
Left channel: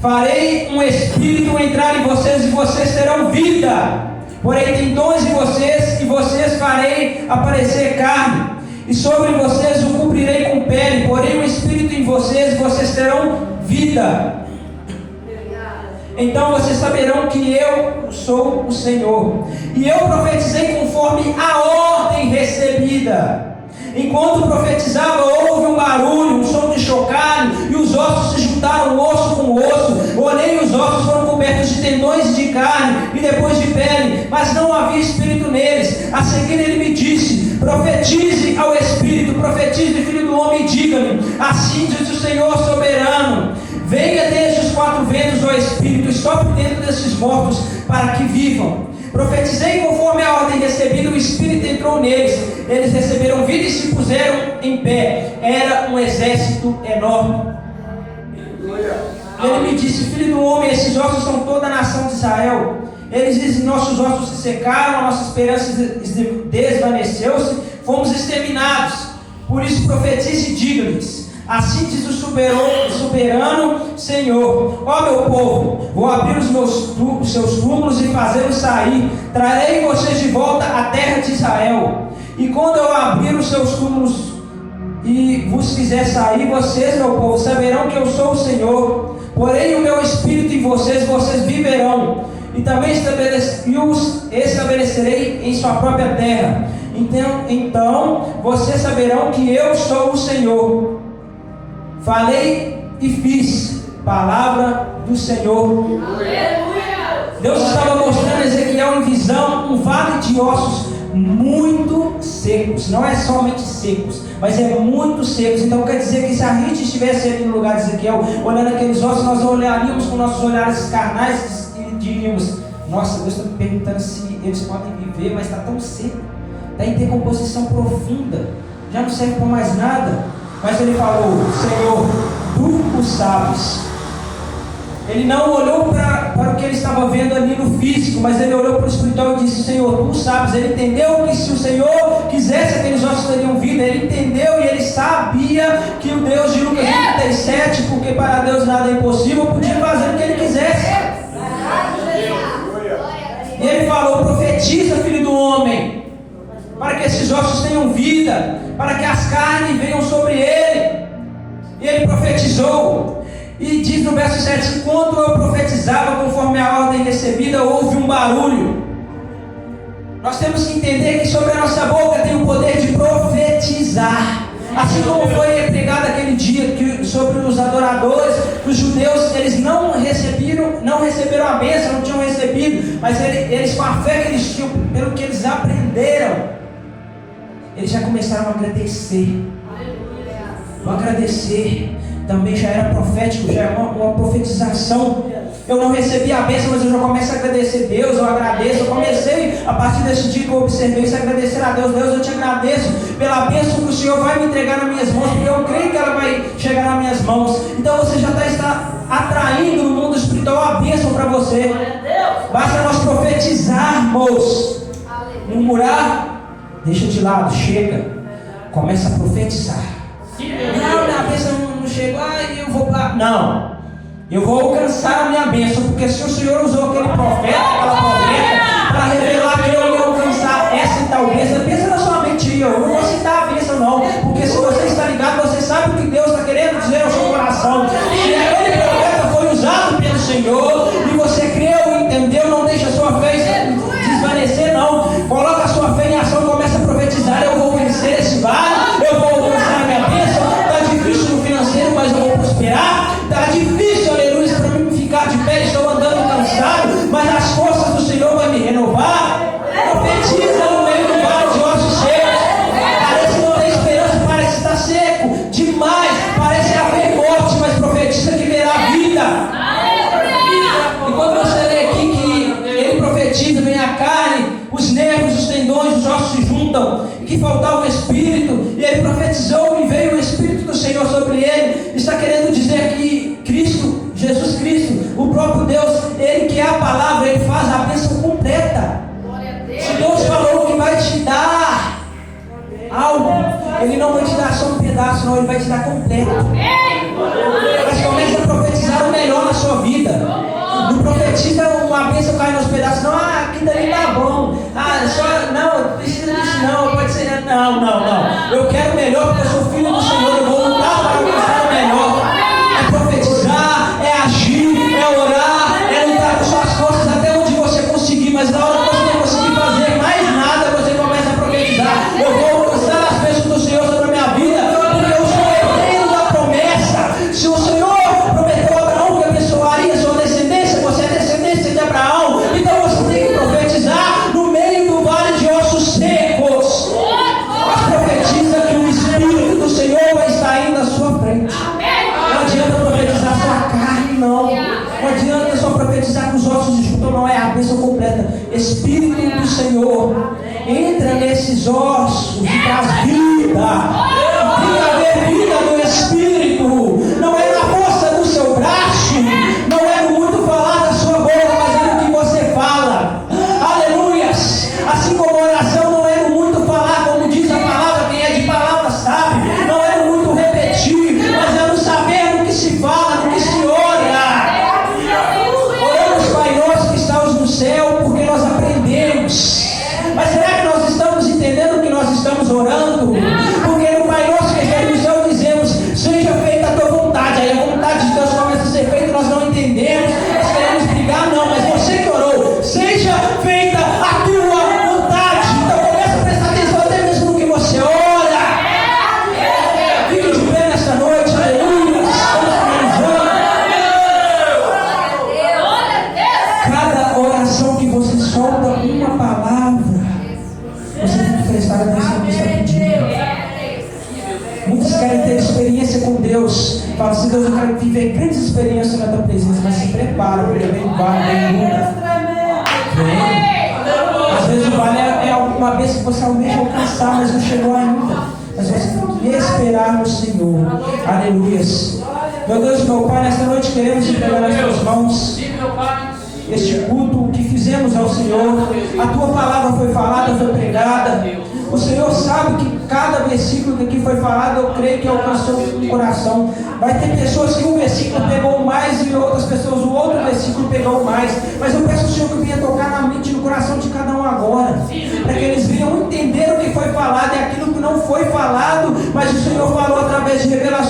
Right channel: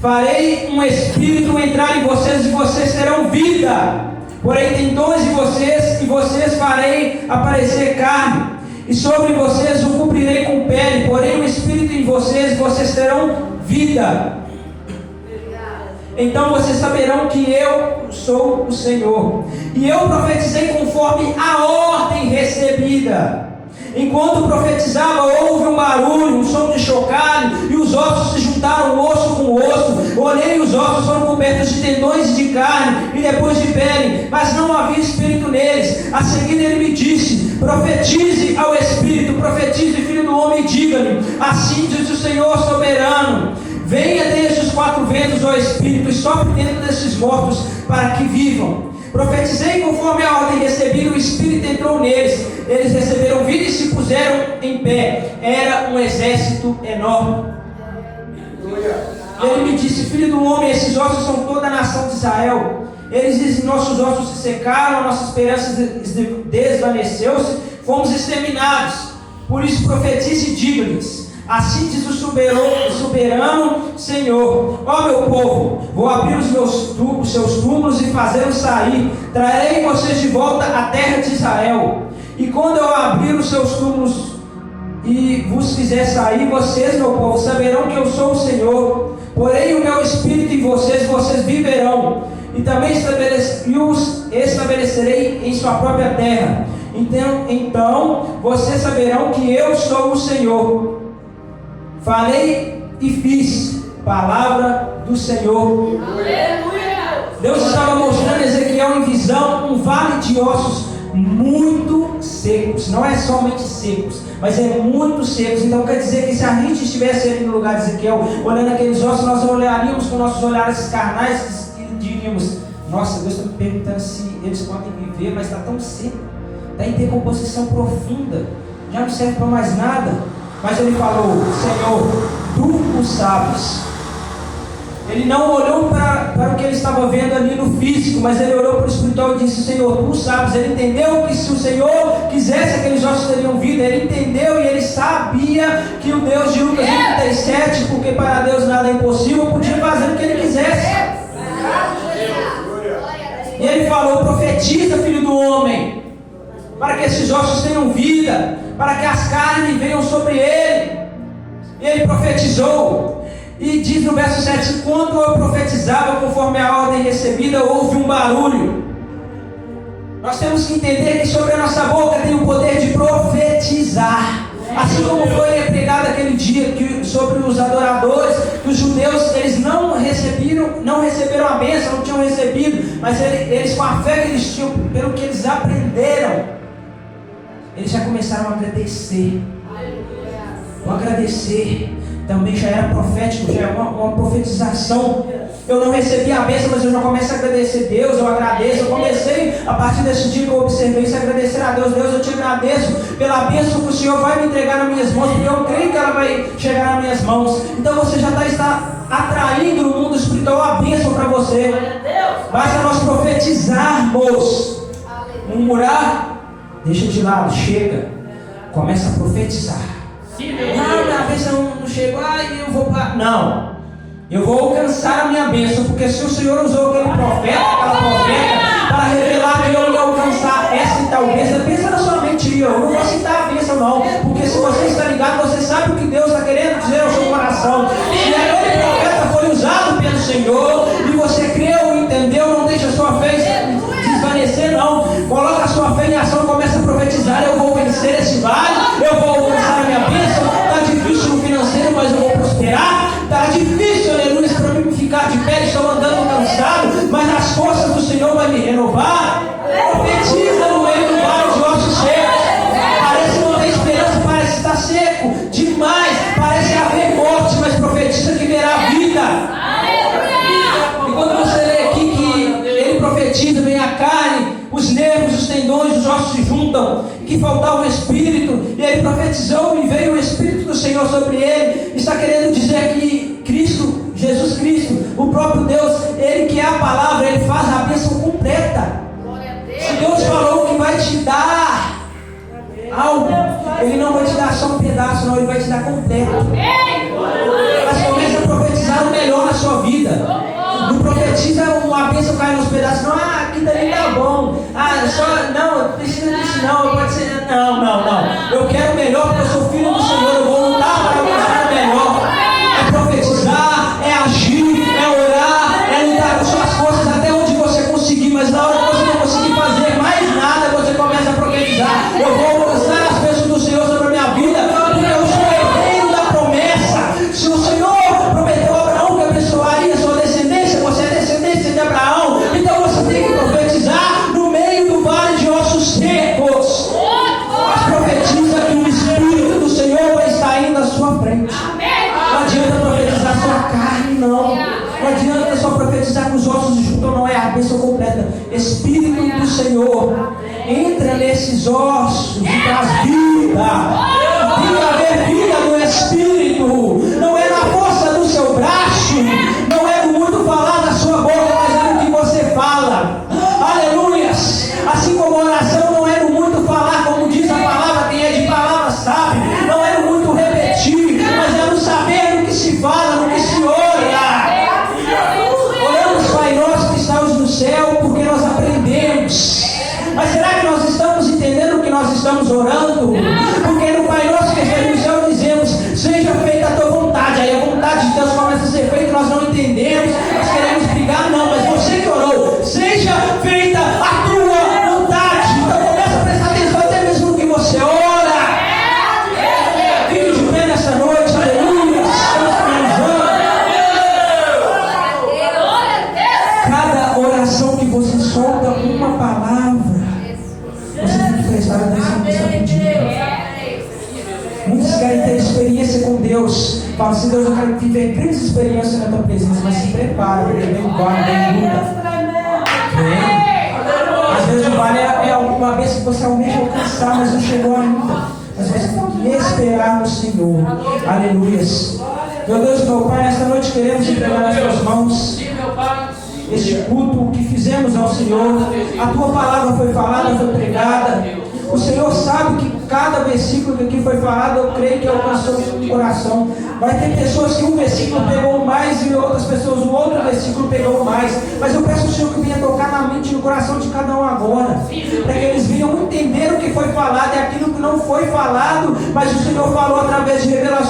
farei um espírito entrar em vocês, e vocês terão vida. Porém tendões em vocês, e vocês farei aparecer carne, e sobre vocês o cobrirei com pele. Porém um espírito em vocês, e vocês terão vida. Então vocês saberão que eu sou o Senhor. E eu profetizei conforme a ordem recebida. Enquanto profetizava, houve um barulho, um som de chocalho, e os ossos se juntaram osso com osso. Olhei, e os ossos foram cobertos de tendões de carne e depois de pele, mas não havia espírito neles. A seguir ele me disse: profetize ao espírito, profetize, filho do homem, e diga-lhe: assim diz o Senhor soberano, venha desde os quatro ventos, ó espírito, e sopre dentro desses mortos para que vivam. Profetizei conforme a ordem recebida, o espírito entrou neles, eles receberam vida e se puseram em pé. Era um exército enorme. Ele me disse: filho do homem, esses ossos são toda a nação de Israel. Eles dizem: nossos ossos se secaram, a nossa esperança desvaneceu-se, fomos exterminados. Por isso profetize e diga-lhes: assim diz o soberano Senhor: ó meu povo, vou abrir os seus túmulos e fazê-los sair. Trarei vocês de volta à terra de Israel. E quando eu abrir os seus túmulos e vos fizer sair, vocês, meu povo, saberão que eu sou o Senhor. Porém o meu espírito em vocês, vocês viverão. E também os estabelecerei em sua própria terra. Então vocês saberão que eu sou o Senhor. Falei e fiz. Palavra do Senhor. Deus estava mostrando a Ezequiel em visão um vale de ossos muito secos. secos, não é somente secos, mas é muito secos. Então quer dizer que se a gente estivesse ali no lugar de Ezequiel, olhando aqueles ossos, nós olharíamos com nossos olhares carnais e diríamos: nossa, Deus está me perguntando se eles podem viver, mas está tão seco, está em decomposição profunda, já não serve para mais nada. Mas ele falou: Senhor, tu o sabes. Ele não olhou para o que ele estava vendo ali no físico, mas ele olhou para o espiritual e disse: Senhor, tu sabes. Ele entendeu que se o Senhor quisesse, aqueles ossos teriam vida. Ele entendeu e ele sabia que o Deus de Lucas 37, porque para Deus nada é impossível, podia fazer o que ele quisesse. E ele falou: profetiza, filho do homem, para que esses ossos tenham vida, para que as carnes venham sobre ele. E ele profetizou. E diz no verso 7: enquanto eu profetizava conforme a ordem recebida, houve um barulho. Nós temos que entender que sobre a nossa boca tem o poder de profetizar. Assim como foi pregado aquele dia que, sobre os adoradores, os judeus, eles não receberam a bênção, não tinham recebido, mas eles com a fé que eles tinham, pelo que eles aprenderam, eles já começaram a agradecer. O agradecer também já era profético, já é uma profetização. Eu não recebi a bênção, mas eu já começo a agradecer Deus, eu agradeço. Eu comecei, a partir desse dia que eu observei isso, a agradecer a Deus. Deus, eu te agradeço pela bênção que o Senhor vai me entregar nas minhas mãos, porque eu creio que ela vai chegar nas minhas mãos. Então você já está atraindo no mundo espiritual a bênção para você. Basta nós profetizarmos. Murmurar, deixa de lado, chega. Começa a profetizar. Não, minha bênção não chegou, eu vou para... Não, eu vou alcançar a minha bênção, porque se o Senhor usou aquele profeta, aquela profeta, para revelar que eu ia alcançar essa e tal bênção, pensa na sua mente, eu não vou citar a bênção não, porque se você está ligado, você sabe o que Deus está querendo dizer ao seu coração. E aquele profeta foi usado pelo Senhor, e você creu, entendeu, não deixa a sua fé desvanecer não, coloca a sua fé em ação, começa a profetizar: eu vou vencer esse vale, eu vou alcançar a minha bênção. Está difícil no financeiro, mas eu vou prosperar. Está difícil, aleluia, para mim ficar de pé, estou andando cansado, mas as forças do Senhor vão me renovar. Profetiza no meio do vale de ossos secos. Parece não ter esperança, parece estar seco demais, parece haver morte, mas profetiza que verá vida. E quando você lê aqui que ele profetiza, vem a carne, os nervos, os tendões, os ossos se juntam, que faltava o Espírito, e ele profetizou e veio o Espírito do Senhor sobre ele. Está querendo dizer que Cristo, Jesus Cristo, o próprio Deus, ele que é a palavra, ele faz a bênção completa. Se Deus falou que vai te dar algo, ele não vai te dar só um pedaço, não, ele vai te dar completo. Mas começa a profetizar o melhor na sua vida. Não profetiza uma bênção cai nos pedaços, não, aqui dali tá bom, não, precisa disso não, pode ser, não, eu quero o melhor porque eu sou filho do Senhor, eu vou lutar para alcançar o melhor. É profetizar, é agir, é orar, é lutar com suas forças até onde você conseguir, mas na hora que você não conseguir fazer mais nada, você começa a profetizar: eu vou alcançar as bênçãos do Senhor sobre a minha vida, porque eu sou herdeiro da promessa. Se o Senhor prometeu a Abraão que abençoaria a sua descendência, você é descendência de Abraão, então você tem que profetizar no meio do vale de ossos secos. Mas profetiza que o Espírito do Senhor vai estar indo à sua frente. Não adianta profetizar só a carne, não. Não adianta só profetizar com os ossos de junto, não é a bênção completa. Espírito do Senhor entra nesses ossos e traz vida. Tem que haver vida no Espírito. Não é na força do seu braço, não é no muito falar da sua boca, mas é no que você fala. Aleluias. Assim como a oração não é no muito falar, como diz a palavra, quem é de palavra sabe. Não é no muito repetir, mas é no saber no que se fala, no que se ora. Oramos, Pai nosso que estás no céu, porque nós aprendemos. Mas será que nós estamos entendendo o que nós estamos orando? Porque no Pai nosso que estás no céu dizemos: seja feita a tua vontade. Aí a vontade de Deus começa a ser feita, nós não entendemos, nós queremos brigar, não, mas você que orou: seja feita a tua vontade. Então começa a prestar atenção até mesmo no que você ora. Fique de pé nessa noite, aleluia. Cada oração que você solta uma palavra, você tem que prestar atenção nisso. com Deus. Fala assim: Deus, eu quero viver grandes experiências na tua presença, mas se prepara, porque vem guarda, vem luta. Às vezes o vale é alguma vez que você almeja alcançar, mas não chegou ainda. Mas você tem que esperar no Senhor. Aleluia. Meu Deus, meu Pai, nesta noite queremos entregar nas tuas mãos este culto que fizemos ao Senhor. A tua palavra foi falada, foi pregada. O Senhor sabe que cada versículo que aqui foi falado, eu creio que alcançou o coração. Vai ter pessoas que um versículo pegou mais e outras pessoas o outro versículo pegou mais. Mas eu peço ao Senhor que venha tocar na mente e no coração de cada um agora, para que eles venham entender o que foi falado e aquilo que não foi falado, mas o Senhor falou através de revelação